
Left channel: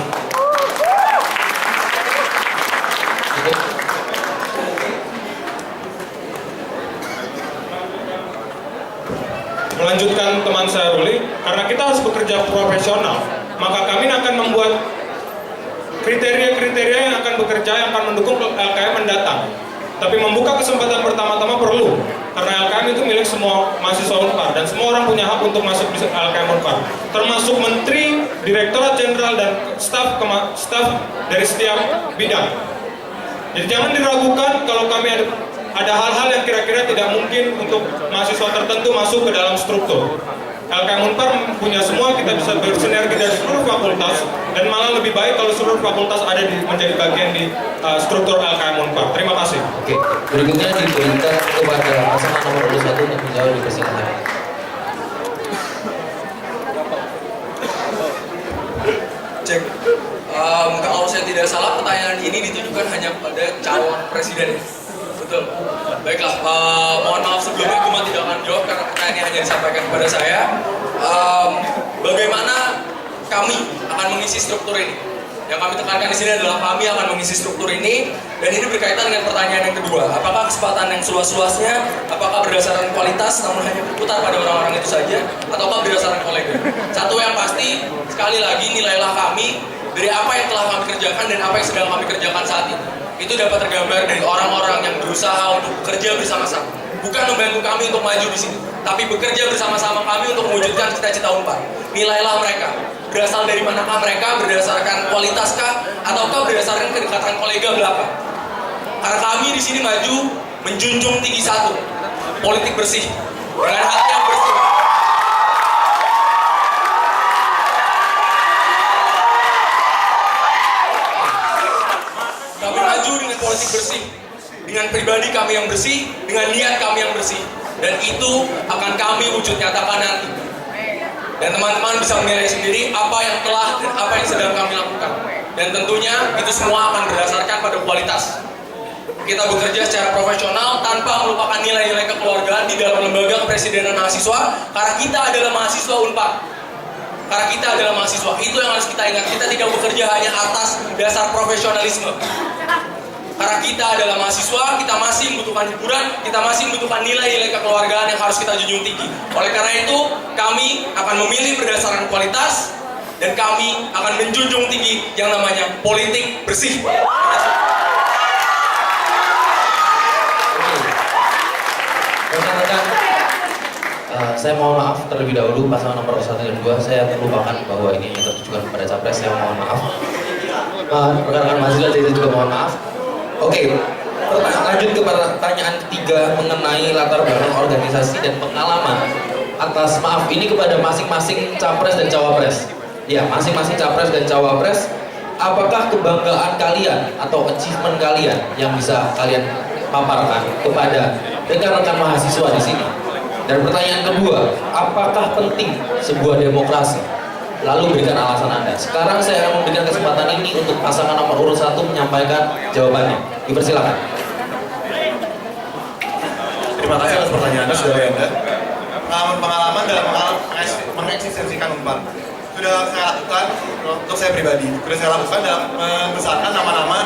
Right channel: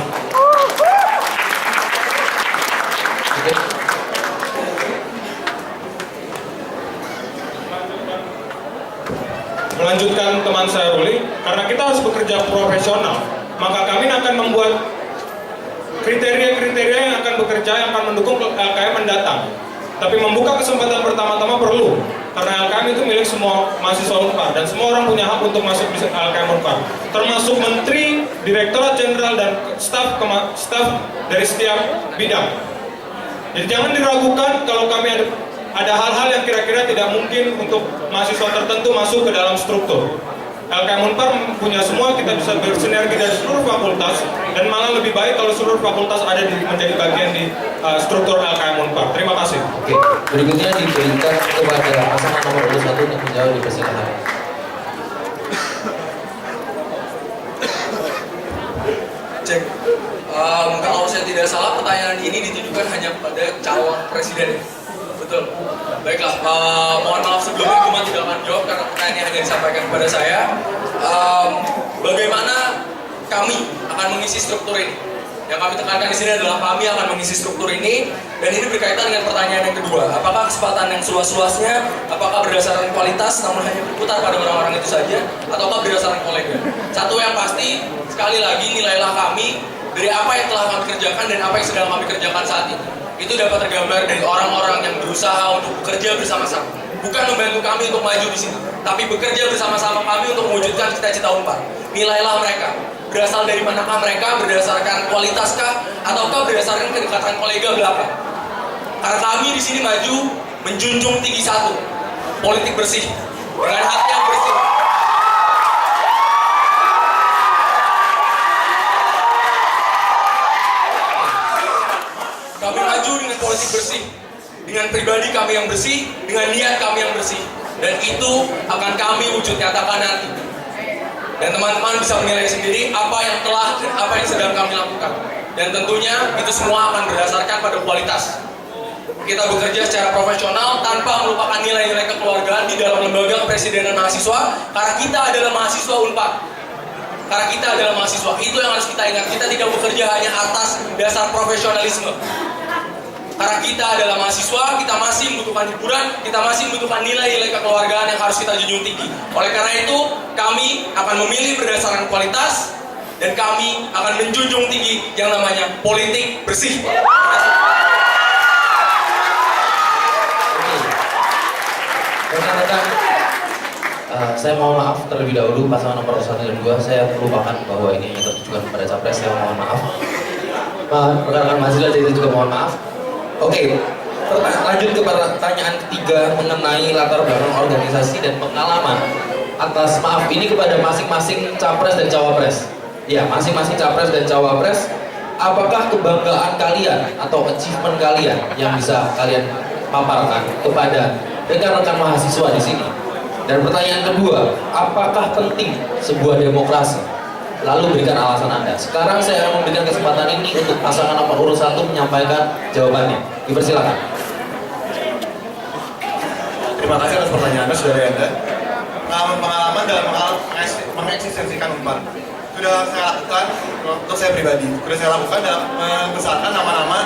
Melanjutkan teman saya Ruli, karena kita harus bekerja profesional, maka kami akan membuat kriteria-kriteria yang akan bekerja, yang akan mendukung LKM mendatang. Tapi membuka kesempatan pertama-tama perlu, karena LKM itu milik semua mahasiswa Unpar dan semua orang punya hak untuk masuk di LKM Unpar, termasuk menteri, direktorat jenderal dan staf dari setiap bidang. Jadi jangan diragukan kalau kami ada hal-hal yang kira-kira tidak mungkin untuk mahasiswa tertentu masuk ke dalam struktur. LKM Unpar punya semua, kita bisa bersinergi dari seluruh fakultas, dan malah lebih baik kalau seluruh fakultas ada menjadi bagian di struktur LKM Unpar. Terima kasih. Oke, berikutnya diberikan kepada pasangan nomor 1 untuk menjawab, dipersilakan. Cek. Kalau saya tidak salah, pertanyaan ini ditujukan hanya kepada calon presiden. Betul. Baiklah, mohon maaf sebelumnya Gema tidak akan jawab karena pertanyaannya hanya disampaikan kepada saya. Bagaimana kami akan mengisi struktur ini? Yang kami tekankan di sini adalah kami akan mengisi struktur ini, dan ini berkaitan dengan pertanyaan yang kedua. Apakah kesempatan yang seluas-luasnya, apakah berdasarkan kualitas namun hanya berputar pada orang-orang itu saja, ataukah berdasarkan kolega? Satu yang pasti, sekali lagi nilailah kami dari apa yang telah kami kerjakan dan apa yang sedang kami kerjakan saat ini. Itu dapat tergambar dari orang-orang yang berusaha untuk bekerja bersama-sama. Bukan membantu kami untuk maju di sini, tapi bekerja bersama-sama kami untuk mewujudkan cita-cita Unpar. Nilailah mereka. Berasal dari manakah mereka? Berdasarkan kualitaskah? Ataukah berdasarkan kedekatan kolega belakang? Karena kami di sini maju menjunjung tinggi satu, politik bersih dengan hati yang bersih. Kami maju dengan politik bersih, dengan pribadi kami yang bersih, dengan niat kami yang bersih, dan itu akan kami wujud nyatakan nanti. Dan teman-teman bisa menilai sendiri apa yang telah dan apa yang sedang kami lakukan. Dan tentunya itu semua akan berdasarkan pada kualitas. Kita bekerja secara profesional tanpa melupakan nilai-nilai kekeluargaan di dalam lembaga kepresidenan mahasiswa, karena kita adalah mahasiswa Unpar. Karena kita adalah mahasiswa, itu yang harus kita ingat. Kita tidak bekerja hanya atas dasar profesionalisme. Karena kita adalah mahasiswa, kita masih membutuhkan hiburan, kita masih membutuhkan nilai-nilai kekeluargaan yang harus kita junjung tinggi. Oleh karena itu, kami akan memilih berdasarkan kualitas, dan kami akan menjunjung tinggi yang namanya politik bersih. Rekan-rekan, saya mohon maaf terlebih dahulu pasangan nomor 1 dan 2. Saya melupakan bahwa ini yang tertujukan kepada capres. Saya mohon maaf. Rekan-rekan mahasiswa saya juga mohon maaf. Oke, lanjut ke pertanyaan ketiga mengenai latar belakang organisasi dan pengalaman atas maaf ini kepada masing-masing capres dan cawapres. Ya, masing-masing capres dan cawapres. Apakah kebanggaan kalian atau achievement kalian yang bisa kalian paparkan kepada rekan-rekan mahasiswa di sini? Dan pertanyaan kedua, apakah penting sebuah demokrasi? Lalu berikan alasan Anda. Sekarang saya akan memberikan kesempatan ini untuk pasangan nomor urut 1 menyampaikan jawabannya. Dipersilakan. Terima kasih atas pertanyaan Anda, saudara Anda. Pengalaman dalam mengeksistensikan Unpar sudah saya lakukan untuk saya pribadi. Sudah saya lakukan dalam membesarkan nama-nama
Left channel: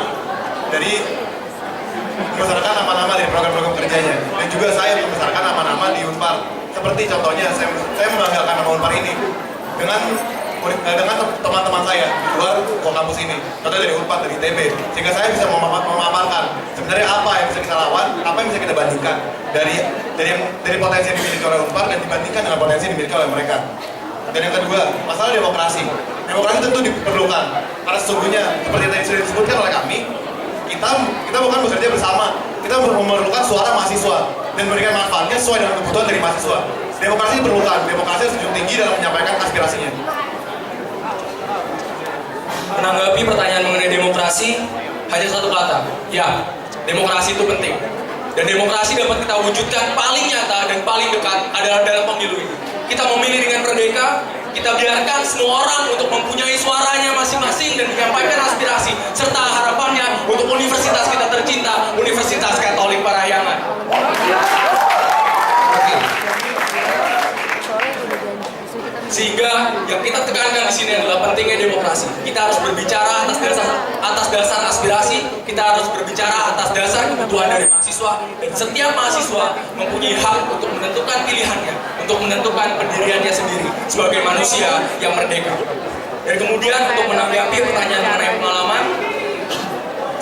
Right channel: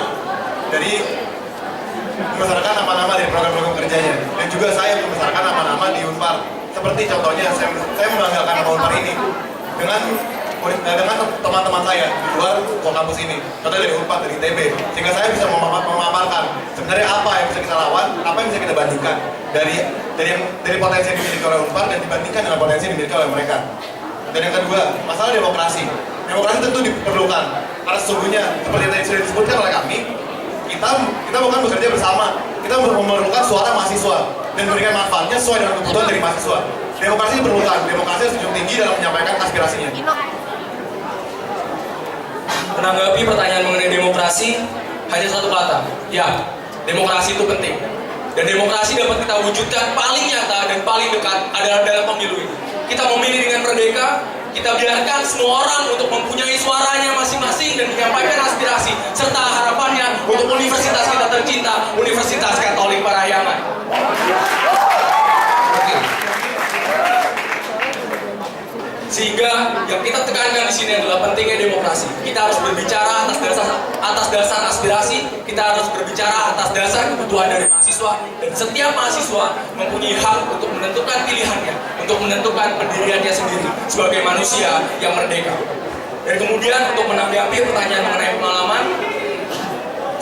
dari program-program kerjanya, dan juga saya membesarkan nama-nama di Unpar. Seperti contohnya, saya membanggakan nama Unpar ini dengan teman-teman saya di luar kampus ini, contohnya dari Unpar, dari ITB, sehingga saya bisa memaparkan sebenarnya apa yang bisa kita lawan, apa yang bisa kita bandingkan dari potensi yang dimiliki oleh Unpar dan dibandingkan dengan potensi yang dimiliki oleh mereka. Dan yang kedua, masalah demokrasi. Demokrasi tentu diperlukan, karena sesungguhnya seperti yang tadi sudah disebutkan oleh kami, kita bukan bekerja bersama, kita memerlukan suara mahasiswa dan memberikan manfaatnya sesuai dengan kebutuhan dari mahasiswa. Demokrasi diperlukan, demokrasi harus junjung tinggi dalam menyampaikan aspirasinya. Menanggapi pertanyaan mengenai demokrasi, hanya satu kata, ya, demokrasi itu penting. Dan demokrasi dapat kita wujudkan paling nyata dan paling dekat adalah dalam pemilu ini. Kita memilih dengan merdeka, kita biarkan semua orang untuk mempunyai suaranya masing-masing dan menyampaikan aspirasi serta harapannya untuk universitas kita tercinta, Universitas Katolik Parahyangan. Sehingga yang kita tekankan di sini adalah pentingnya demokrasi. Kita harus berbicara atas dasar aspirasi, kita harus berbicara atas dasar kebutuhan dari mahasiswa, dan setiap mahasiswa mempunyai hak untuk menentukan pilihannya, untuk menentukan pendiriannya sendiri sebagai manusia yang merdeka. Dan kemudian untuk menanggapi pertanyaan mengenai pengalaman,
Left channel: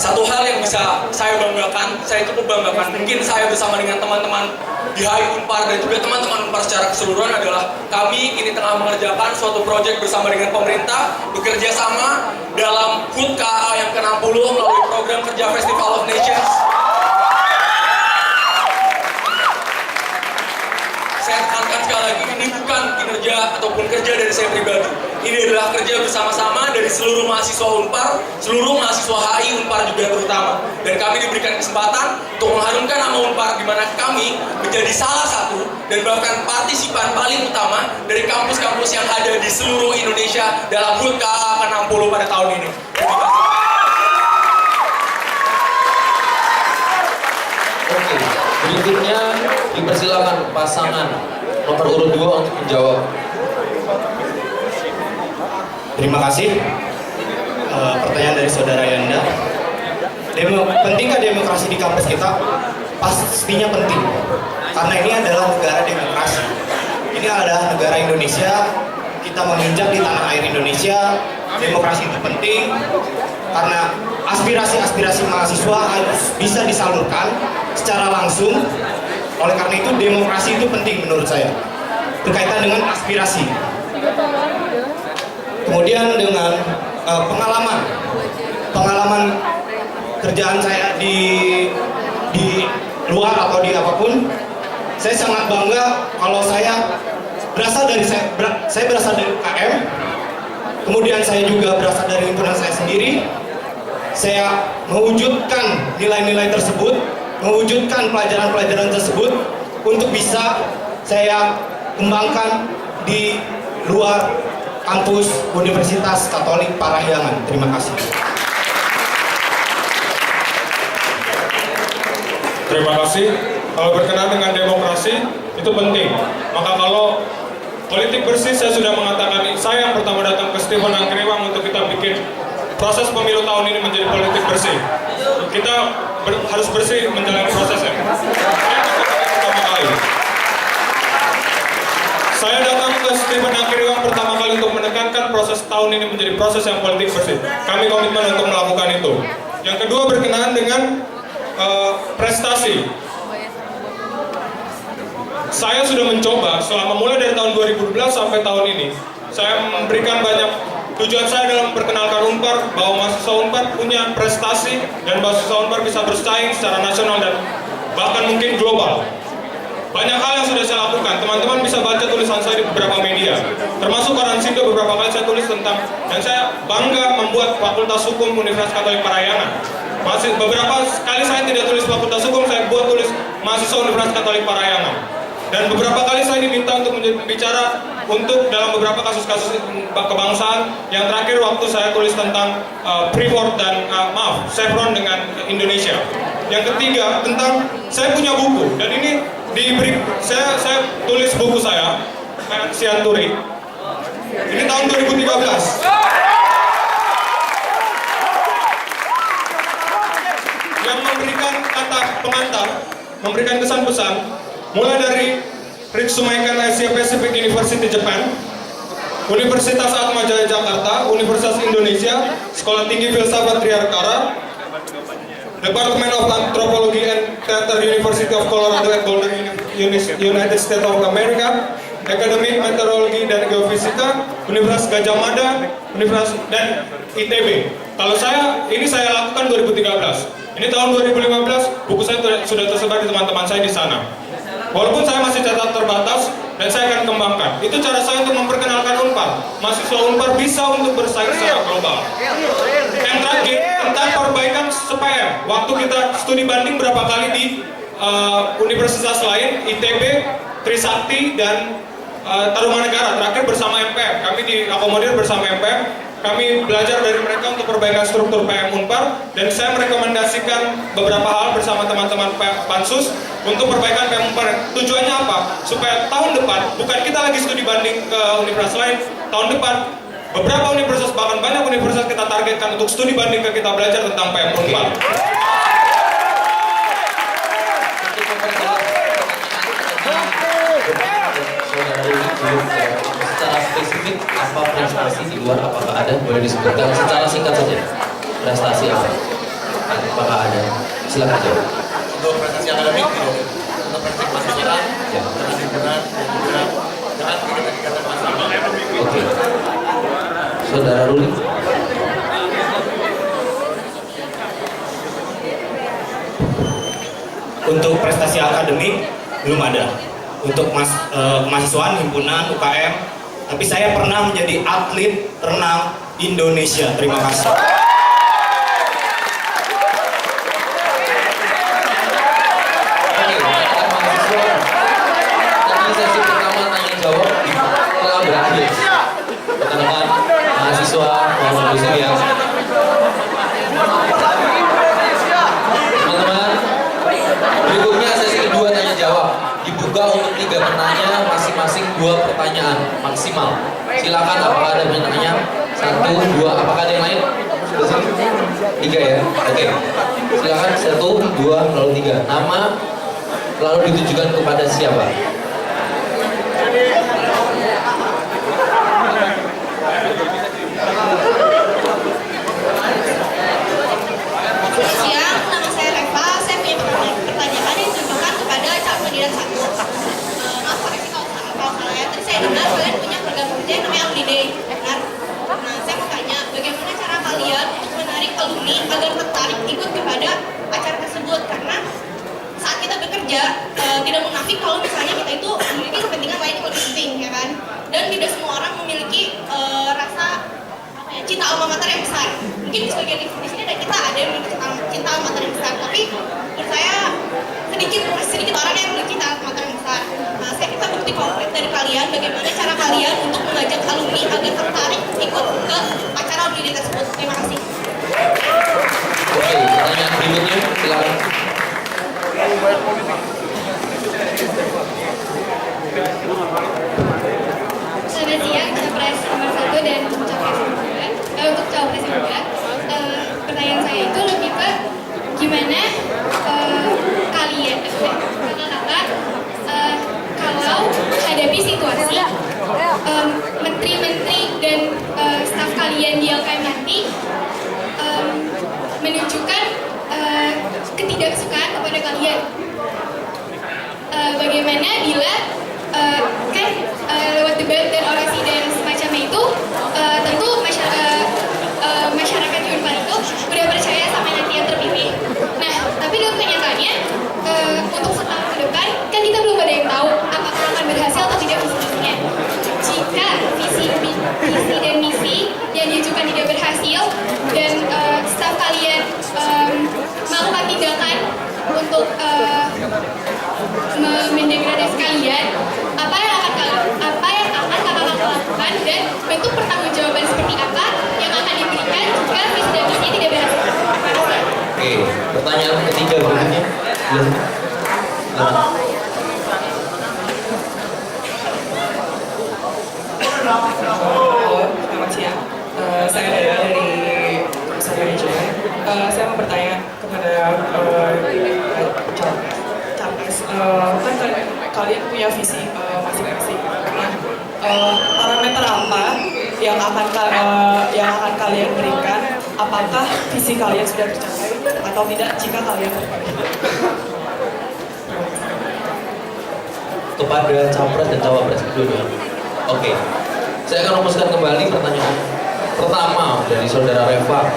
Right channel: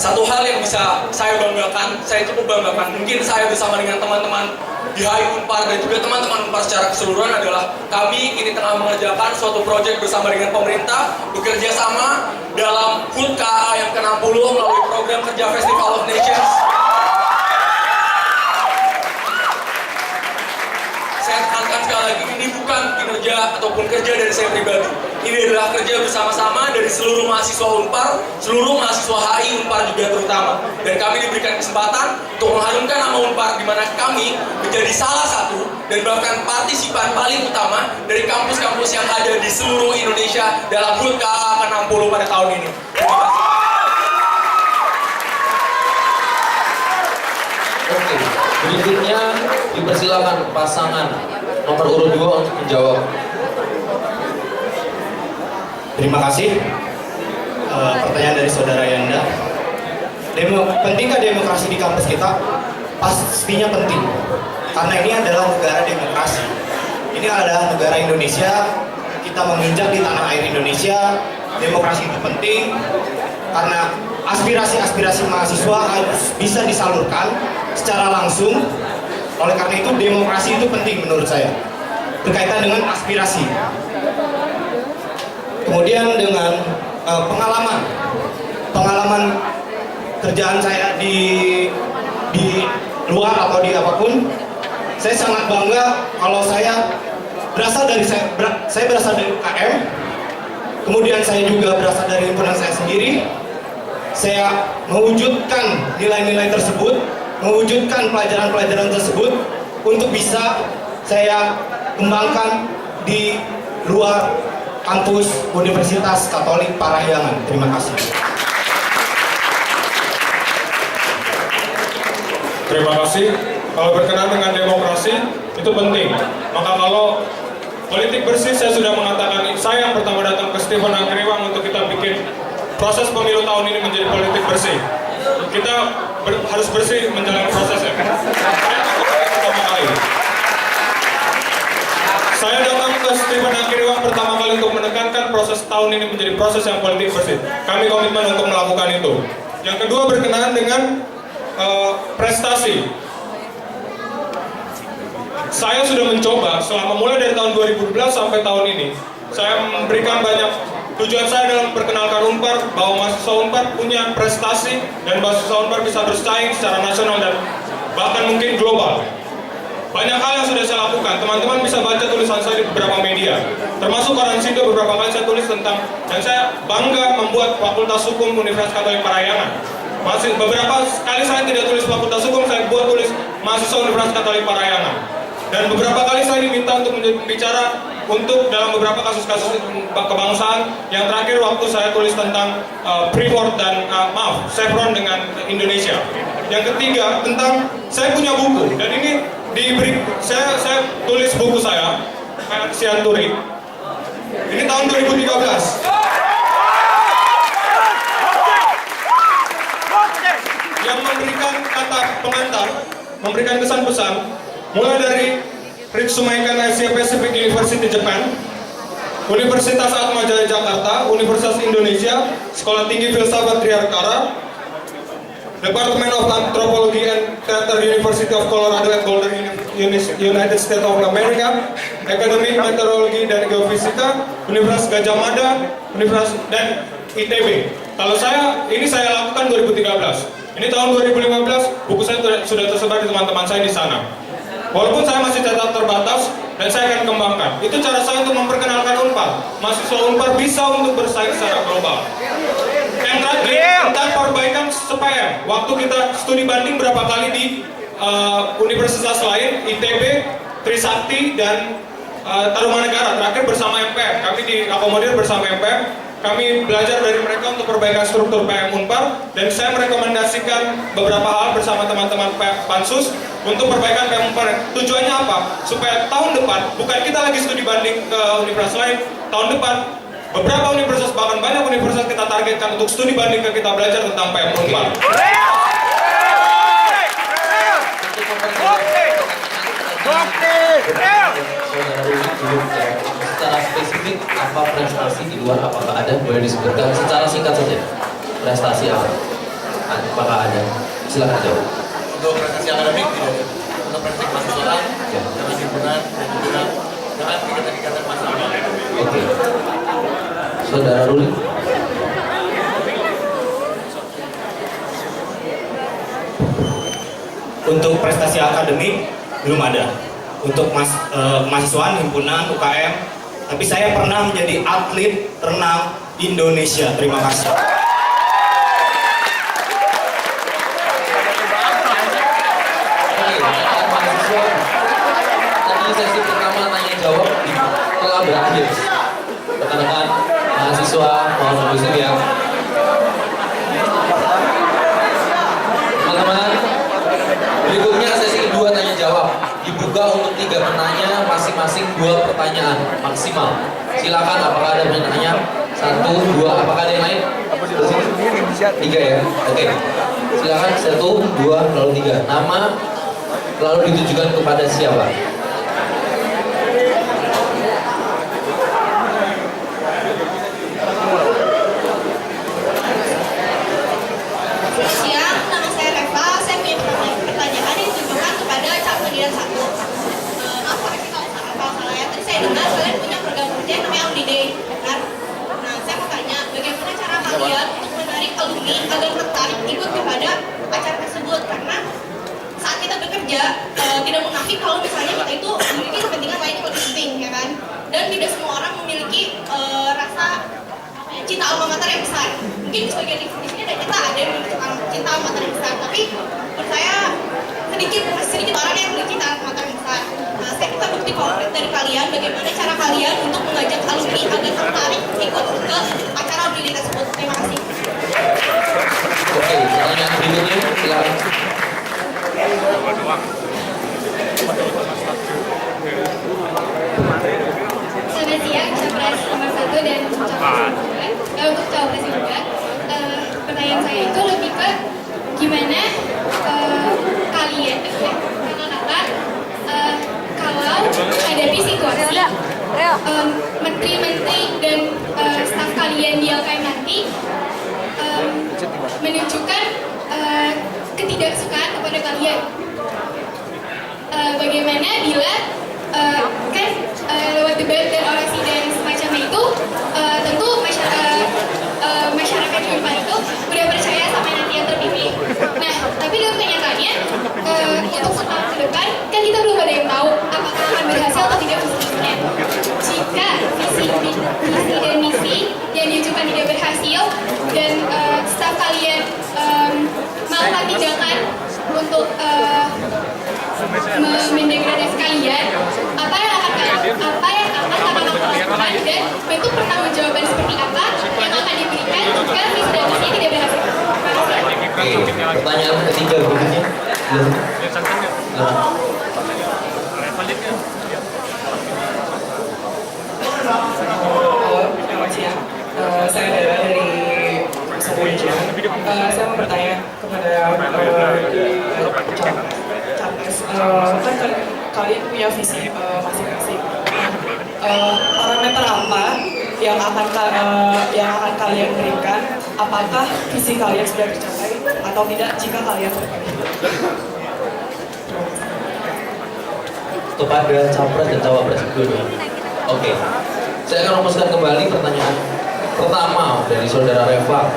satu hal yang bisa saya banggakan, saya cukup banggakan, mungkin saya bersama dengan teman-teman di HI Unpar dan juga teman-teman Unpar secara keseluruhan adalah kami kini tengah mengerjakan suatu proyek bersama dengan pemerintah, bekerja sama dalam HUT KA yang ke-60 melalui program kerja Festival of Nations. Saya tekankan sekali lagi, ini bukan kinerja ataupun kerja dari saya pribadi. Ini adalah kerja bersama-sama dari seluruh mahasiswa Unpar, seluruh mahasiswa HI Unpar juga terutama. Dan kami diberikan kesempatan untuk mengharumkan nama Unpar, di mana kami menjadi salah satu dan bahkan partisipan paling utama dari kampus-kampus yang ada di seluruh Indonesia dalam HUT KA ke-60 pada tahun ini. Terima kasih. Oke, berikutnya dipersilakan pasangan nomor urut 2 untuk menjawab. Terima kasih. Pertanyaan dari saudara Yanda. Pentingkah demokrasi di kampus kita? Pastinya penting. Karena ini adalah negara demokrasi. Ini adalah negara Indonesia. Kita menginjak di tanah air Indonesia. Demokrasi itu penting karena aspirasi-aspirasi mahasiswa harus bisa disalurkan secara langsung. Oleh karena itu demokrasi itu penting menurut saya. Berkaitan dengan aspirasi. Kemudian dengan pengalaman kerjaan saya di luar atau di apapun, saya sangat bangga kalau saya berasal dari UKM, kemudian saya juga berasal dari himpunan saya sendiri. Saya mewujudkan nilai-nilai tersebut, mewujudkan pelajaran-pelajaran tersebut untuk bisa saya kembangkan di luar kampus Universitas Katolik Parahyangan. Terima kasih. Terima kasih. Kalau berkenaan dengan demokrasi, itu penting. Maka kalau politik bersih, saya sudah mengatakan, saya yang pertama datang ke Stephen Angkriwang untuk kita bikin proses pemilu tahun ini menjadi politik bersih. Kita harus bersih menjalani prosesnya. Saya pertama kali. Saya datang ke Stephen Angkriwang pertama kali untuk menekankan proses tahun ini menjadi proses yang politik bersih. Kami komitmen untuk melakukan itu. Yang kedua berkenaan dengan prestasi. Saya sudah mencoba selama mulai dari tahun 2012 sampai tahun ini. Saya memberikan banyak tujuan saya dalam memperkenalkan Unpar bahwa mahasiswa Unpar punya prestasi dan mahasiswa Unpar bisa bersaing secara nasional dan bahkan mungkin global. Banyak hal yang sudah saya lakukan. Teman-teman bisa baca tulisan saya di beberapa media, termasuk koran Sindo beberapa kali saya tulis tentang, dan saya bangga membuat Fakultas Hukum Universitas Katolik Parahyangan. Beberapa kali saya tidak tulis Fakultas Hukum, saya buat tulis mahasiswa Universitas Katolik Parahyangan. Dan beberapa kali saya diminta untuk menjadi pembicara untuk dalam beberapa kasus-kasus kebangsaan. Yang terakhir waktu saya tulis tentang Freeport dan Chevron dengan Indonesia. Yang ketiga tentang saya punya buku, dan ini diberi, saya tulis buku saya Sianturi. Ini tahun 2013. Yang memberikan kata pengantar, memberikan kesan-pesan, mulai dari Ritsumeikan Asia Pacific University Japan, Universitas Atmajaya Jakarta, Universitas Indonesia, Sekolah Tinggi Filsafat Triarkara, Department of Anthropology and Theater, University of Colorado at Boulder, United States of America, Academic Meteorologi dan Geofisika, Universitas Gajah Mada, Universitas dan ITB. Kalau ini saya lakukan 2013. Ini tahun 2015, buku saya sudah tersebar di teman-teman saya di sana. Walaupun saya masih cetak terbatas, dan saya akan kembangkan. Itu cara saya untuk memperkenalkan Unpar. Mahasiswa Unpar bisa untuk bersaing secara global. Yang terakhir, tentang perbaikan SPM. Waktu kita studi banding berapa kali di universitas lain, ITB, Trisakti, dan Tarumanegara. Terakhir bersama MPM. Kami diakomodir bersama MPM. Kami belajar dari mereka untuk perbaikan struktur PM Unpar, dan saya merekomendasikan beberapa hal bersama teman-teman Pansus untuk perbaikan PM Unpar. Tujuannya apa? Supaya tahun depan, bukan kita lagi studi banding ke universitas lain, tahun depan beberapa universitas, bahkan banyak universitas kita targetkan untuk studi banding ke kita belajar tentang PM Unpar. Secara spesifik apa prestasi di luar, apakah ada, boleh disebutkan secara singkat saja. Prestasi apa? Apakah ada? Silakan jawab. Untuk prestasi akademik tidak ada. Untuk prestasi mahasiswa, dengan himpunan dan juga dengan kegiatan-kegiatan mahasiswa. Oke. Saudara Ruli. Untuk prestasi akademik belum ada. Untuk kemahasiswaan, himpunan, UKM, tapi saya pernah menjadi atlet renang Indonesia. Terima kasih. Oke, mahasiswa. Tadi sesi pertama tanya jawab telah berakhir. Rekan-rekan mahasiswa mohon kondusif ya. Teman-teman, berikutnya sesi kedua tanya jawab. Dibuka untuk 3 penanya, masing-masing 2 pertanyaan maksimal. Silakan, apakah ada yang tanya? 1, 2, apakah ada yang lain? 3 ya? Oke. Silakan 1, 2, lalu 3. Nama lalu ditujukan kepada siapa? Siang, nama saya Reva. Saya punya pertanyaan yang ditujukan kepada calon kandidat 1. Maaf koreksi kalau salah ya. Tadi saya dengar kalian punya program kerja yang namanya Alumni Day, benar? Nah, saya mau tanya, bagaimana cara kalian untuk menarik alumni agar tertarik ikut kepada acara tersebut? Karena saat kita bekerja, tidak munafik kalau misalnya kita itu memiliki kepentingan lain yang lebih penting, ya kan? Dan tidak semua orang memiliki rasa cinta alma mater yang besar. Mungkin di sebagian di sini ada kita ada yang memiliki cinta alma mater yang besar, tapi menurut saya sedikit orang yang memiliki cinta alma mater yang besar. Nah, kita bukti konkret dari kalian bagaimana cara kalian untuk mengajak alumni agar tertarik ikut ke acara alumni tersebut. Terima kasih. Oke, pertanyaan berikutnya silakan. Selamat siang, Capres nomor 1 dan Capres nomor 2. Untuk Capres juga, pertanyaan saya itu lebih ke gimana kalian, kakak-kakak, kalau hadapi situasi menteri-menteri dan staf kalian di LKM nanti menunjukkan ketidaksukaan kepada kalian. Bagaimana bila kan lewat debat dan orasi dan semacamnya itu tentu masyarakat di Unpar itu udah percaya sama nanti yang terpilih. Nah, tapi dalam kenyataannya untuk setahun ke depan kan kita belum ada yang tahu apakah akan berhasil atau tidak visi-misinya. Jika visi dan misi yang diajukan tidak berhasil dan staf kalian melakukan tindakan untuk mendegradasi kalian, apa yang akan kakak lakukan dan bentuk pertanggungjawaban seperti apa yang akan diberikan jika visi dan misinya tidak berhasil? Terima kasih. Oke, pertanyaan ketiga berikutnya. Halo, selamat siang. Saya Dara dari Jurusan Manajemen. Saya mau bertanya kepada Capres. Kan kalian punya visi masing-masing. Nah, parameter apa yang akan kalian berikan? Apakah visi kalian sudah tercapai atau tidak jika kalian terpilih? Kepada capres dan cawapres kedua. Oke, saya akan rumuskan kembali pertanyaan pertama dari saudara Reva.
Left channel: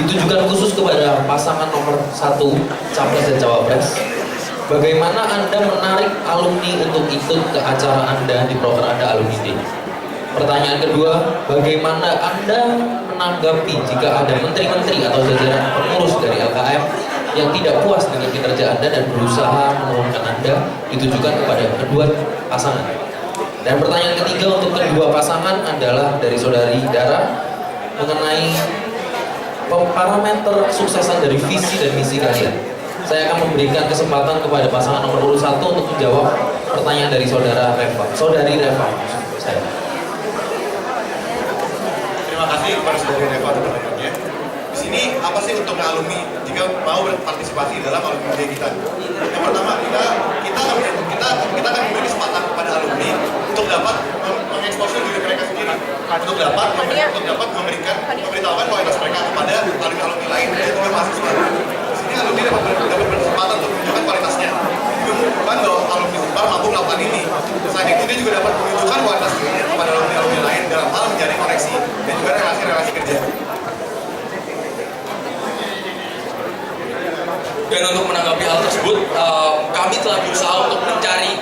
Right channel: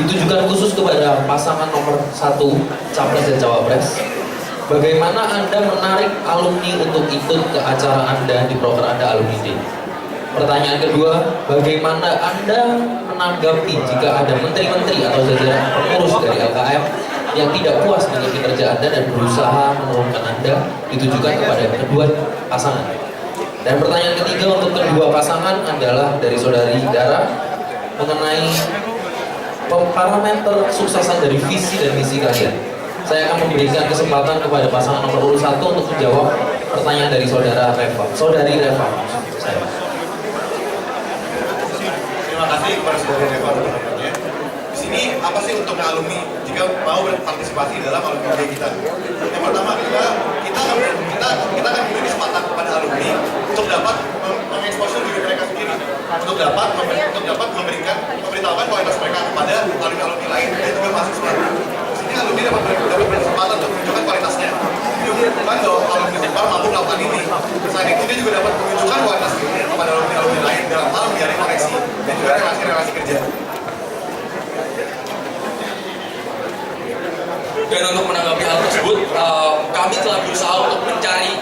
Ditujukan khusus kepada pasangan nomor 1 capres dan cawapres. Bagaimana Anda menarik alumni untuk ikut ke acara Anda di proker Anda Alumni Day? Pertanyaan kedua, bagaimana Anda menanggapi jika ada menteri-menteri atau jajaran pengurus dari LKM yang tidak puas dengan kinerja Anda dan berusaha menurunkan Anda, ditujukan kepada kedua pasangan? Dan pertanyaan ketiga untuk kedua pasangan adalah dari saudari Dara mengenai parameter kesuksesan dari visi dan misi kalian. Saya akan memberikan kesempatan kepada pasangan nomor urut 1 untuk menjawab pertanyaan dari saudari Reva. Saya. Terima kasih kepada saudari Reva untuk pertanyaannya. Di sini apa sih untuk alumni jika mau berpartisipasi dalam alumni day kita? Yang pertama kita akan memberi kesempatan kepada alumni untuk dapat mengeksposur diri mereka sendiri, untuk dapat memberitahukan kualitas mereka kepada alumni lain dan juga mahasiswa. Di sini alumni dapat berkesempatan untuk menunjukkan kualitasnya. Dia menunjukkan bahwa alumni Unpar mampu melakukan ini. Selain itu dia juga dapat menunjukkan kualitas dirinya kepada alumni lain dalam hal menjalin koneksi dan juga relasi-relasi kerja. Dan untuk menanggapi hal tersebut, kami telah berusaha untuk mencari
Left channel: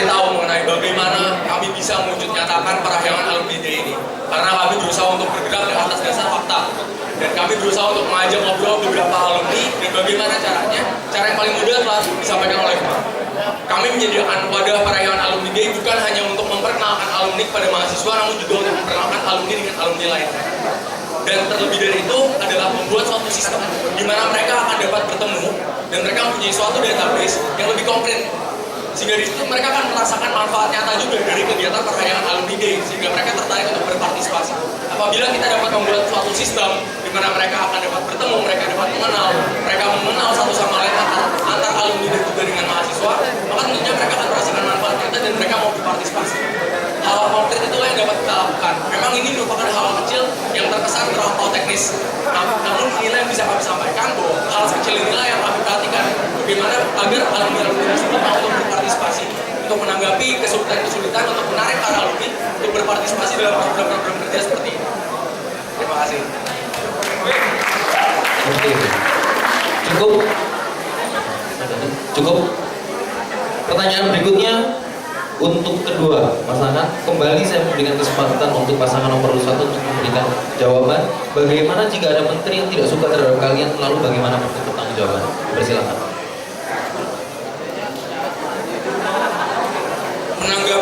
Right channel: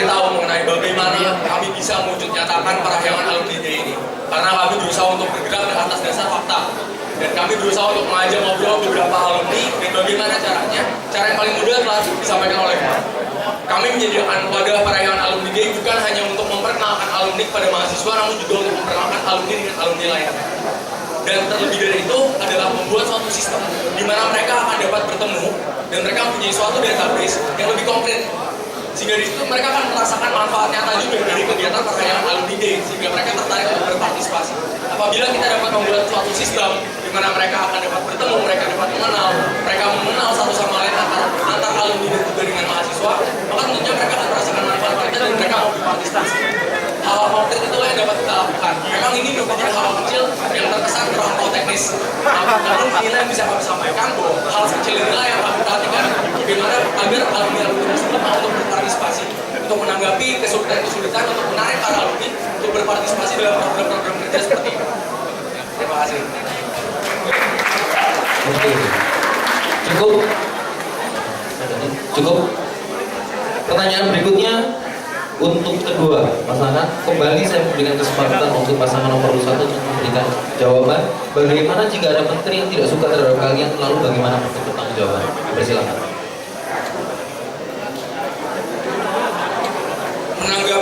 tahu mengenai bagaimana kami bisa mewujud nyatakan parahyangan alumni day ini. Karena kami berusaha untuk bergerak di atas dasar fakta. Dan kami berusaha untuk mengajak ngobrol beberapa alumni dan bagaimana caranya. Cara yang paling mudah telah disampaikan oleh kami menyediakan wadah parahyangan alumni day bukan hanya untuk memperkenalkan alumni kepada mahasiswa, namun juga untuk memperkenalkan alumni dengan alumni lainnya. Dan terlebih dari itu adalah membuat suatu sistem di mana mereka akan dapat bertemu dan mereka mempunyai suatu database yang lebih konkret, sehingga di situ mereka akan merasakan manfaat nyata juga dari kegiatan parahyangan alumni day, sehingga mereka tertarik untuk berpartisipasi. Apabila kita dapat membuat suatu sistem di mana mereka akan dapat bertemu, mereka dapat mengenal satu sama lain antar alumni dan juga dengan mahasiswa, maka tentunya mereka akan merasakan manfaat nyata dan mereka mau berpartisipasi. Hal-hal konkret itulah yang dapat kita lakukan. Memang ini merupakan hal kecil yang terkesan terlampau teknis. Namun inilah yang bisa kami sampaikan bahwa hal kecil inilah yang kami perhatikan. Bagaimana agar alumni-alumni tersebut mau untuk berpartisipasi, untuk menanggapi kesulitan-kesulitan untuk menarik para alumni untuk berpartisipasi dalam program-program kerja seperti ini. Terima kasih. Oke. Cukup. Pertanyaan berikutnya untuk kedua pasangan, kembali saya memberikan kesempatan untuk pasangan nomor 1 untuk memberikan jawaban. Bagaimana jika ada menteri yang tidak suka terhadap kalian, lalu bagaimana bentuk pertanggungjawaban? Persilakan.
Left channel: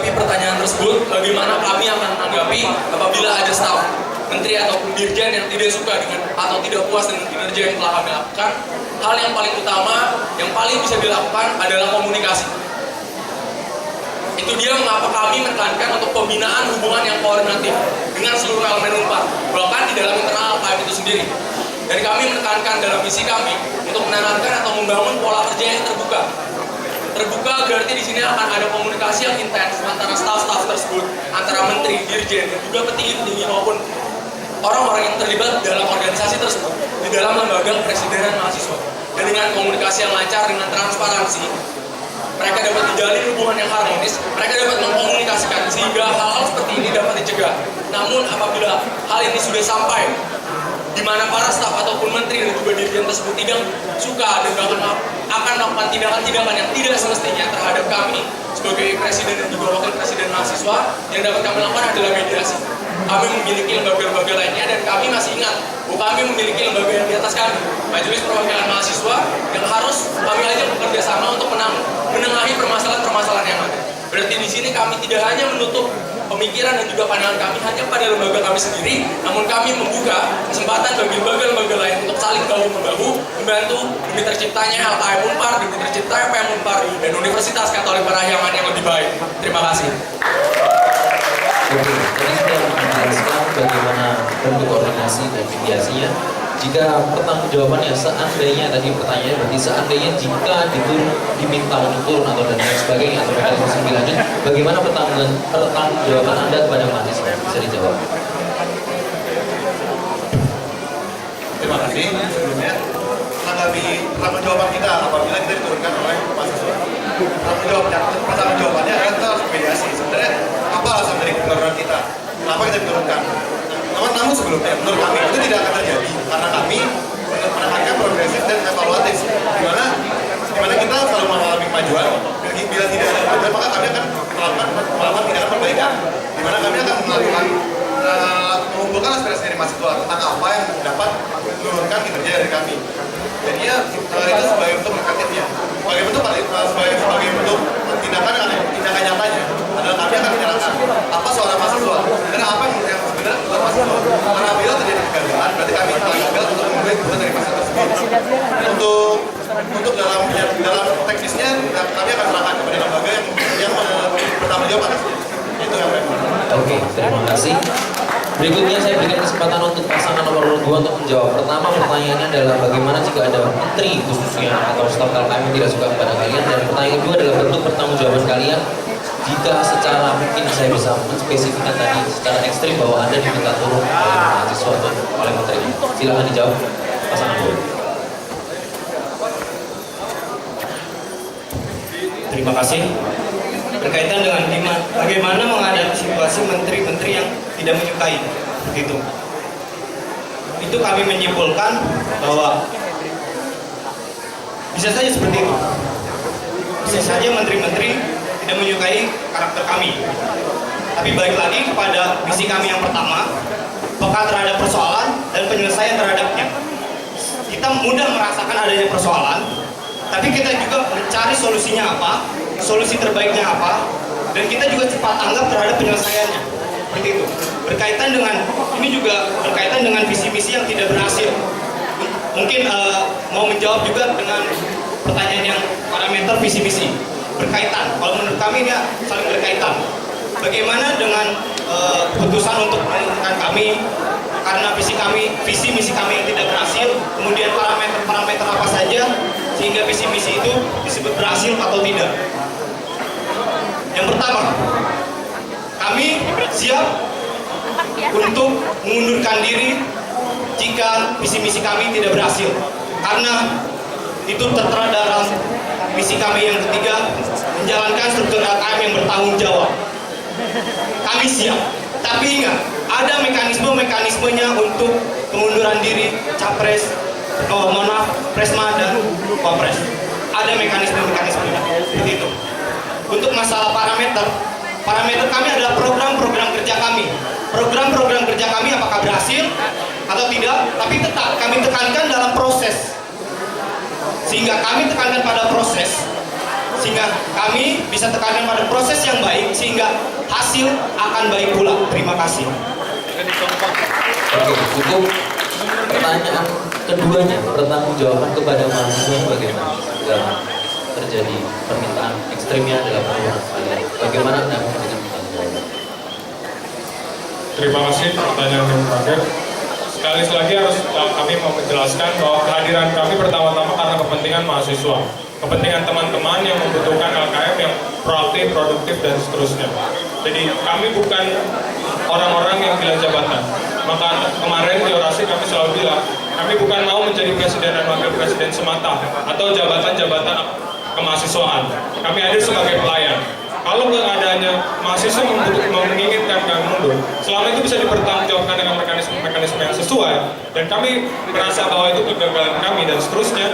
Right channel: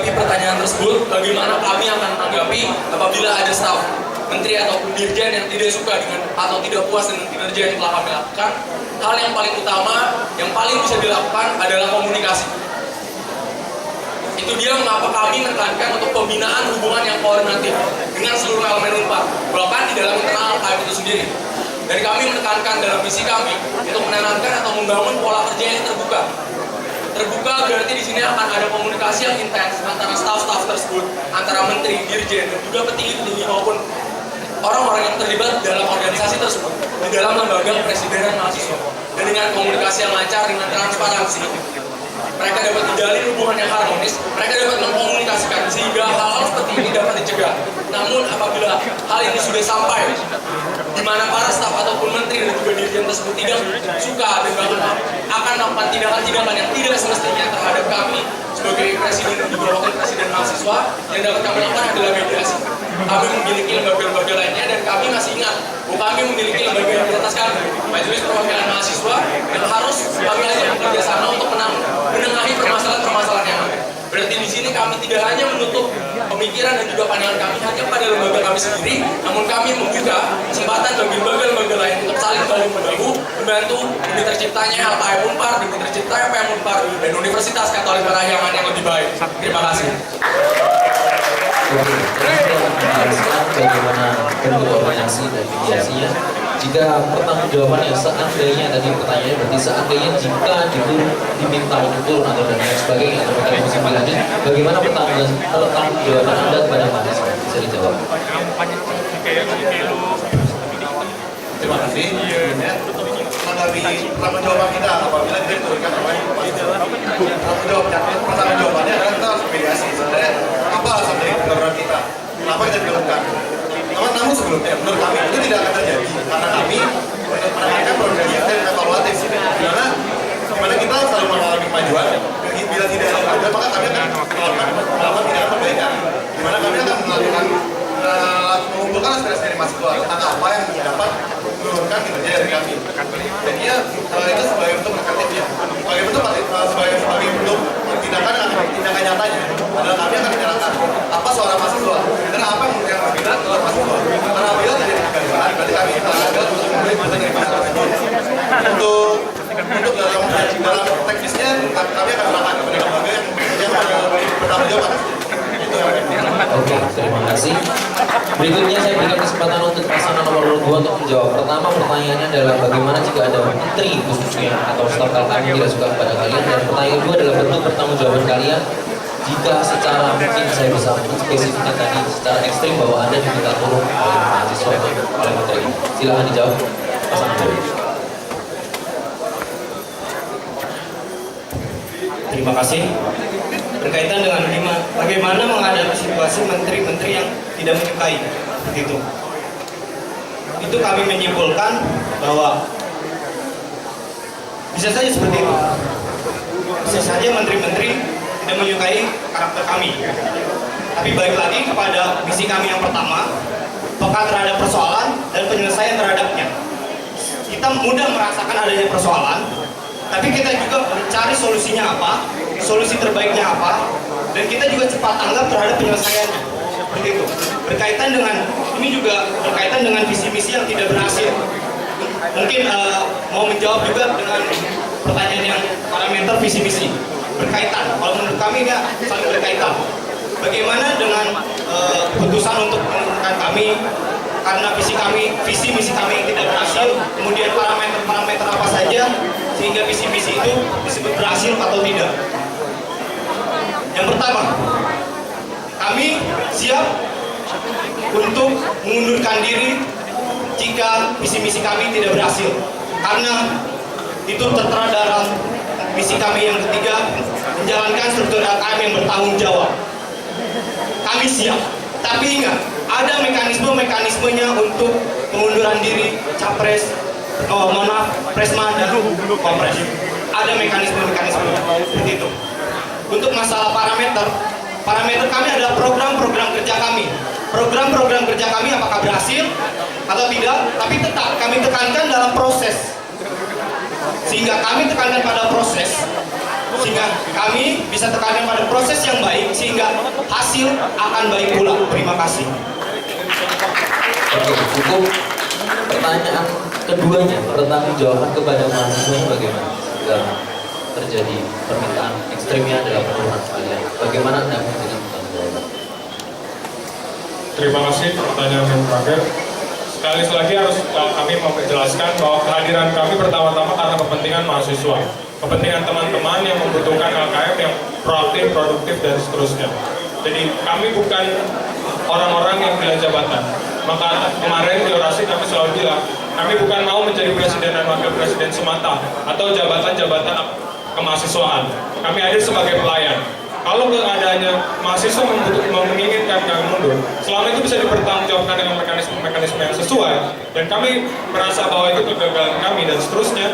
menanggapi pertanyaan tersebut, bagaimana kami akan menanggapi apabila ada staf menteri ataupun dirjen yang tidak suka dengan atau tidak puas dengan kinerja yang telah kami lakukan. Hal yang paling utama, yang paling bisa dilakukan adalah komunikasi. Itu dia mengapa kami menekankan untuk pembinaan hubungan yang koordinatif dengan seluruh elemen Unpar, bahkan di dalam internal KM itu sendiri. Dan kami menekankan dalam misi kami untuk menanamkan atau membangun pola kerja yang terbuka. Terbuka berarti di sini akan ada komunikasi yang intens antara staf-staf tersebut, antara menteri, dirjen, dan juga petinggi-petinggi maupun orang-orang yang terlibat dalam organisasi tersebut di dalam lembaga kepresidenan mahasiswa. Dan dengan komunikasi yang lancar, dengan transparansi, mereka dapat menjalin hubungan yang harmonis, mereka dapat mengkomunikasikan sehingga hal-hal seperti ini dapat dicegah. Namun apabila hal ini sudah sampai di mana para staf ataupun menteri dan juga dirjen tersebut tidak suka dan akan melakukan tindakan-tindakan yang tidak semestinya terhadap kami sebagai presiden dan juga wakil presiden mahasiswa, yang dapat kami lakukan adalah mediasi. Kami memiliki lembaga-lembaga lainnya dan kami masih ingat bahwa kami memiliki lembaga yang di atas kami, Majelis Perwakilan Mahasiswa, yang harus kami ajak bekerja sama untuk menengahi permasalahan-permasalahan yang ada. Berarti di sini kami tidak hanya menutup pemikiran dan juga pandangan kami hanya pada lembaga kami sendiri, namun kami membuka kesempatan bagi lembaga-lembaga lain untuk saling bahu-membahu membantu demi terciptanya LKM Unpar, demi terciptanya PM Unpar, dan Universitas Katolik Parahyangan yang lebih baik. Terima kasih. Oke, tadi sudah menjelaskan bagaimana bentuk koordinasi dan mediasinya. Jika pertanggungjawabannya seandainya tadi pertanyaannya berarti seandainya jika diminta untuk turun atau dan lain sebagainya atau mekanisme lebih lanjut, bagaimana pertanggungjawaban Anda kepada mahasiswa? Bisa dijawab. Terima kasih. Sebelumnya menanggapi pertanggungjawaban kita apabila kita diturunkan oleh mahasiswa. Pertanggungjawabannya adalah kita harus mediasi. Sebenarnya apa alasan dari keluarga kita? Kenapa kita diturunkan? Namun sebelumnya, menurut kami itu tidak akan terjadi karena kami menekankan progresif dan evaluatif, di mana kita selalu mengalami kemajuan. Bila tidak ada kemajuan, maka kami akan melakukan tindakan perbaikan, di mana kami akan melakukan mengumpulkan aspirasi dari mahasiswa tentang apa yang dapat menurunkan kinerja dari kami. Jadi ya itu sebagai bentuk indikatifnya, sebagai bentuk tindakan nyatanya adalah kami akan menyerahkan apa suara mahasiswa dan apa yang benar suara mahasiswa. Karena bila terjadi kegagalan, berarti kami telah gagal untuk memulai keputusan dari mahasiswa tersebut. Untuk dalam teknisnya kami akan serahkan kepada lembaga yang bertanggung jawab atasnya. Itu yang kami. Oke, terima kasih. Berikutnya saya berikan kesempatan untuk pasangan nomor 2 untuk menjawab. Pertama pertanyaannya adalah bagaimana jika ada menteri khususnya atau staf LKM yang tidak suka kepada kalian, dan pertanyaan kedua adalah bentuk pertanggungjawaban kalian jika secara mungkin saya bisa menspesifikkan tadi secara ekstrim bahwa Anda diminta turun oleh mahasiswa atau oleh menteri. Silahkan dijawab pasangan 2. Terima kasih. Berkaitan dengan bagaimana menghadapi situasi menteri-menteri yang tidak menyukai itu kami menyimpulkan bahwa bisa saja seperti itu, bisa saja menteri-menteri tidak menyukai karakter kami, tapi balik lagi kepada misi kami yang pertama, peka terhadap persoalan dan penyelesaian terhadapnya. Kita mudah merasakan adanya persoalan, tapi kita juga mencari solusinya apa, solusi terbaiknya apa, dan kita juga cepat tanggap terhadap penyelesaiannya. Seperti itu. Berkaitan dengan visi misi yang tidak berhasil. Mungkin mau menjawab juga dengan pertanyaan yang parameter visi misi. Berkaitan. Kalau menurut kami ini saling berkaitan. Bagaimana dengan keputusan untuk menentukan kami karena visi misi kami yang tidak berhasil, kemudian parameter apa saja sehingga visi misi itu disebut berhasil atau tidak. Yang pertama, kami siap untuk mengundurkan diri jika visi misi kami tidak berhasil, karena itu tertera dalam misi kami yang ketiga, menjalankan struktur LKM yang bertanggung jawab. Kami siap, tapi ingat, ada mekanismenya untuk pengunduran diri capres, presma dan wapres. Ada mekanismenya seperti itu. Untuk masalah parameter kami adalah program-program kerja kami. Program-program kerja kami apakah berhasil atau tidak, tapi tetap kami tekankan dalam proses. Sehingga kami tekankan pada proses, sehingga kami bisa tekankan pada proses yang baik sehingga hasil akan baik pula. Terima kasih. Oke, cukup. Pertanyaan keduanya, pertanggungjawaban kepada mahasiswa bagaimana jika terjadi permintaan ekstrimnya adalah penurunan kalian? Bagaimana Anda dengan pertanggungjawaban? Terima kasih pertanyaan yang terakhir. Sekali lagi harus kami mau menjelaskan bahwa kehadiran kami pertama-tama karena kepentingan mahasiswa, kepentingan teman-teman yang membutuhkan LKM yang proaktif, produktif, dan seterusnya. Jadi kami bukan orang-orang yang gila jabatan. Maka kemarin di orasi kami selalu bilang, kami bukan mau menjadi presiden dan wakil presiden semata atau jabatan-jabatan kemahasiswaan. Kami hadir sebagai pelayan. Kalau keadaannya mahasiswa menginginkan kami mundur, selama itu bisa dipertanggungjawabkan dengan mekanisme yang sesuai, dan kami merasa bahwa itu kegagalan kami dan seterusnya,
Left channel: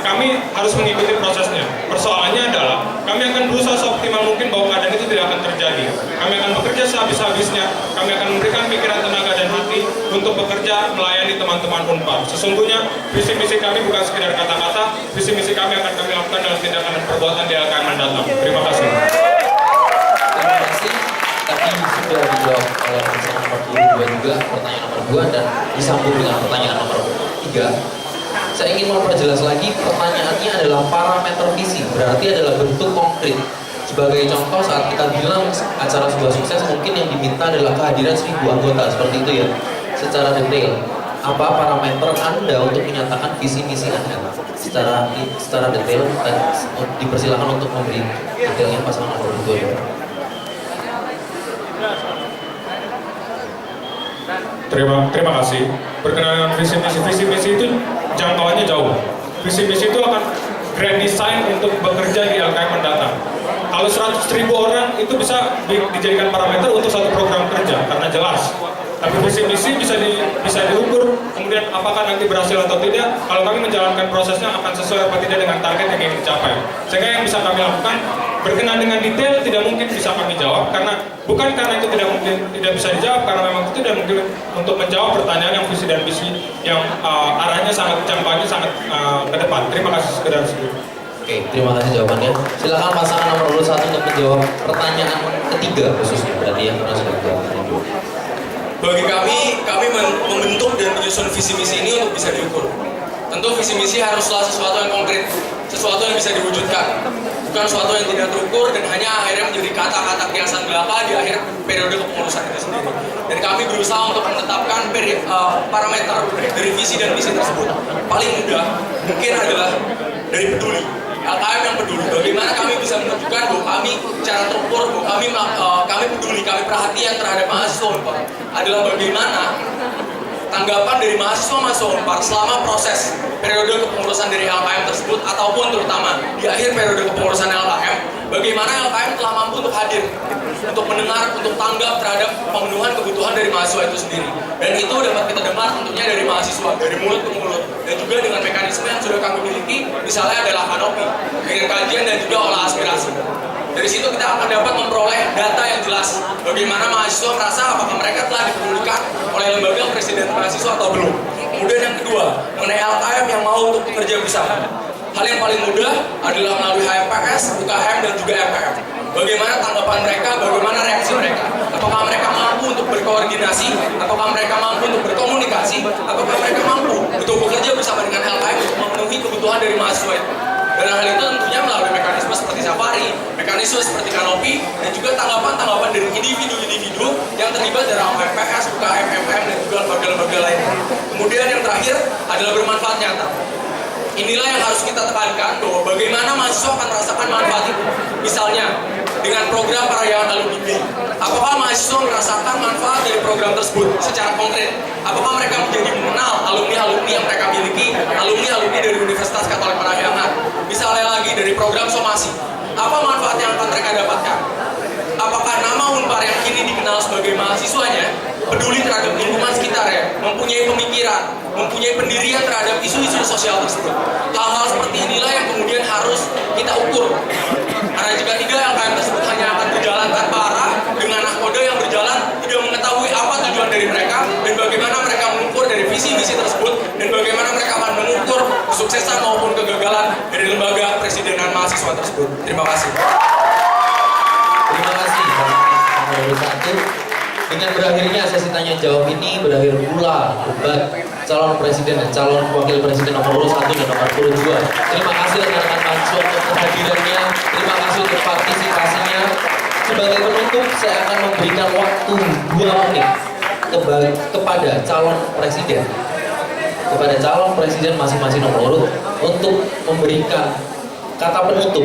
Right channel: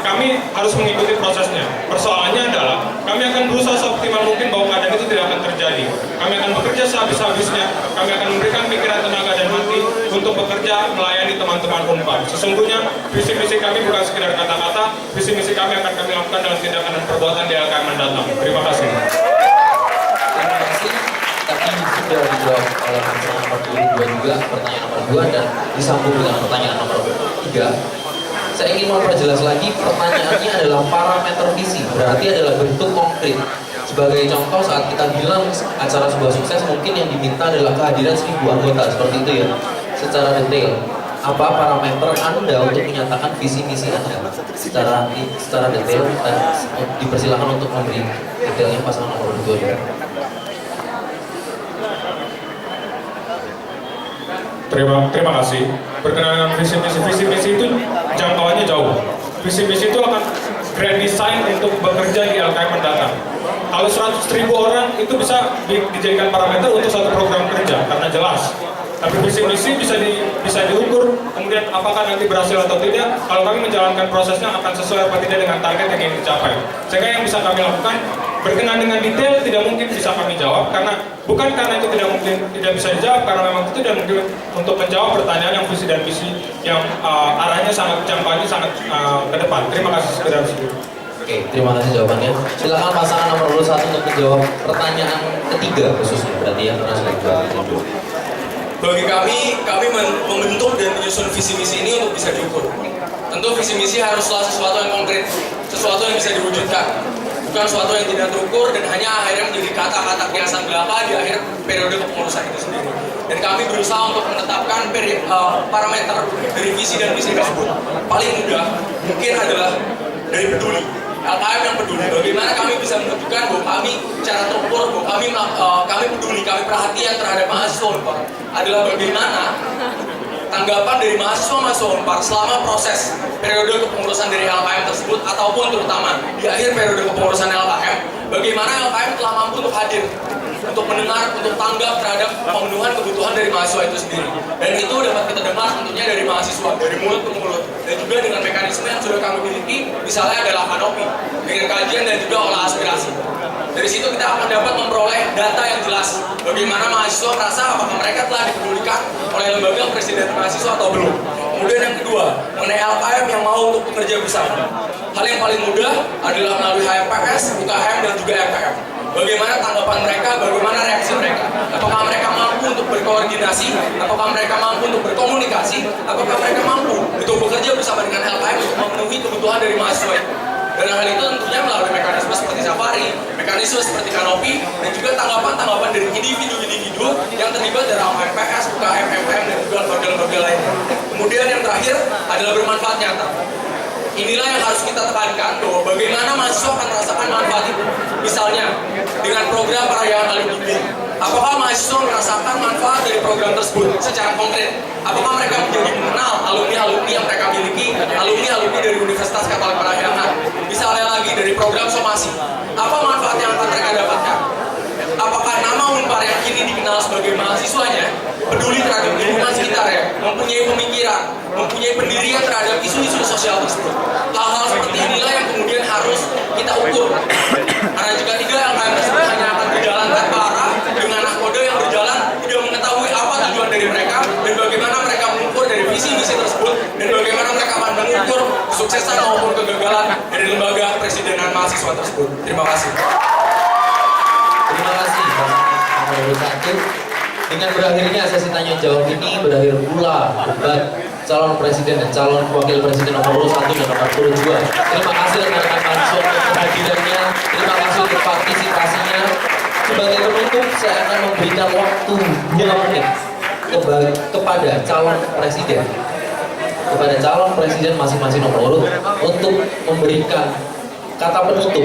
kami harus mengikuti prosesnya. Persoalannya adalah kami akan berusaha seoptimal mungkin bahwa keadaan itu tidak akan terjadi. Kami akan bekerja sehabis-habisnya, kami akan memberikan pikiran, tenaga, dan hati untuk bekerja melayani teman-teman Unpar. Sesungguhnya visi-misi kami bukan sekedar kata-kata, visi-misi kami akan kami lakukan dalam tindakan dan perbuatan di LKM mendatang. Terima kasih. Terima kasih. Tadi sudah dijawab oleh pertanyaan nomor 22 juga, pertanyaan nomor 2, dan disambung dengan pertanyaan nomor 3. Saya ingin memperjelas lagi, pertanyaannya adalah parameter visi, berarti adalah bentuk konkret. Sebagai contoh, saat kita bilang acara sebuah sukses, mungkin yang diminta adalah kehadiran 1000 anggota, seperti itu ya, secara detail. Apa parameter Anda untuk menyatakan visi misi Anda secara detail, dan dipersilakan untuk memberi detailnya pasangan nomor 2. Terima kasih. Berkenaan dengan visi misi itu jangkauannya jauh. Visi misi itu akan grand design untuk bekerja di LKM mendatang. Kalau 100.000 orang itu bisa dijadikan parameter untuk satu program kerja karena jelas. Tapi visi misi bisa diukur, kemudian apakah nanti berhasil atau tidak. Kalau kami menjalankan prosesnya akan sesuai apa tidak dengan target yang ingin dicapai. Sehingga yang bisa kami lakukan berkenaan dengan detail tidak mungkin bisa kami jawab, karena bukan karena itu tidak bisa dijawab, karena memang itu tidak mungkin untuk menjawab pertanyaan yang visi dan misi yang arahnya sangat jangkauannya sangat ke depan. Terima kasih sekedar segitu. Oke, terima kasih jawabannya. Silakan pasangan nomor 1 untuk menjawab pertanyaan ketiga khususnya, berarti ya, karena sudah dijawab. Bagi kami membentuk dan menyusun visi misi ini untuk bisa diukur. Tentu visi misi haruslah sesuatu yang konkret, sesuatu yang bisa diwujudkan, bukan sesuatu yang tidak terukur dan hanya akhirnya menjadi kata-kata kiasan belaka di akhir periode kepengurusan itu sendiri. Dan kami berusaha untuk menetapkan parameter dari visi dan misi tersebut. Paling mudah mungkin adalah dari peduli. LKM yang peduli, bagaimana kami bisa menunjukkan bahwa kami secara terukur, bahwa kami peduli, kami perhatian terhadap mahasiswa Unpar, adalah bagaimana tanggapan dari mahasiswa Unpar selama proses periode kepengurusan dari LKM tersebut, ataupun terutama di akhir periode kepengurusan LKM, bagaimana LKM telah mampu untuk hadir, untuk mendengar, untuk tanggap terhadap pemenuhan kebutuhan dari mahasiswa itu sendiri. Dan itu dapat kita dengar tentunya dari mahasiswa, dari mulut ke mulut, dan juga dengan mekanisme yang sudah kami miliki, misalnya adalah kanopi, dengan kajian dan juga olah aspirasi. Dari situ kita akan dapat memperoleh data yang jelas, bagaimana mahasiswa merasa apakah mereka telah dipedulikan oleh lembaga presiden mahasiswa atau belum. Kemudian yang kedua, mengenai LKM yang mau untuk bekerja bersama. Hal yang paling mudah adalah melalui HMPS, UKM, dan juga RPM. Bagaimana tanggapan mereka, bagaimana reaksi mereka. Apakah mereka mampu untuk berkoordinasi, apakah mereka mampu untuk berkomunikasi, apakah mereka mampu untuk bekerja bersama dengan LKM untuk memenuhi kebutuhan dari mahasiswa itu. Dan hal itu tentunya melalui mekanisme seperti safari, mekanisme seperti kanopi, dan juga tanggapan-tanggapan dari individu-individu yang terlibat dalam HMPS, UKM, MPM, dan juga lembaga-lembaga lainnya. Kemudian yang terakhir adalah bermanfaat nyata. Inilah yang harus kita tekankan, bahwa bagaimana mahasiswa akan merasakan manfaat itu. Misalnya, dengan program Parahyangan Alumni. Apakah mahasiswa merasakan manfaat dari program tersebut secara konkret? Apakah mereka menjadi mengenal alumni-alumni yang mereka miliki, alumni-alumni dari Universitas Katolik Parahyangan? Misalnya lagi dari program somasi. Apa manfaat yang akan mereka dapatkan? Apakah nama Unpar yang kini dikenal sebagai mahasiswanya peduli terhadap lingkungan sekitarnya, mempunyai pemikiran, mempunyai pendirian terhadap isu-isu sosial tersebut? Hal-hal seperti inilah yang kemudian harus kita ukur. Karena jika tidak, LKM tersebut hanya akan berjalan tanpa arah dengan nahkoda yang berjalan tidak mengetahui apa tujuan dari mereka dan bagaimana mereka mengukur dari visi misi tersebut dan bagaimana mereka akan mengukur kesuksesan maupun kegagalan dari lembaga presidenan mahasiswa tersebut. Terima kasih. Terima kasih pasangan nomor 1. Dengan berakhirnya sesi tanya jawab ini berakhir pula debat calon presiden dan calon wakil presiden nomor 1 dan nomor 2. Terima kasih rekan-rekan mahasiswa untuk kehadirannya. Terima kasih untuk partisipasinya. Sebagai penutup, saya akan memberikan waktu 2 menit kepada calon presiden. Kepada calon presiden masing-masing nomor urut untuk memberikan kata penutup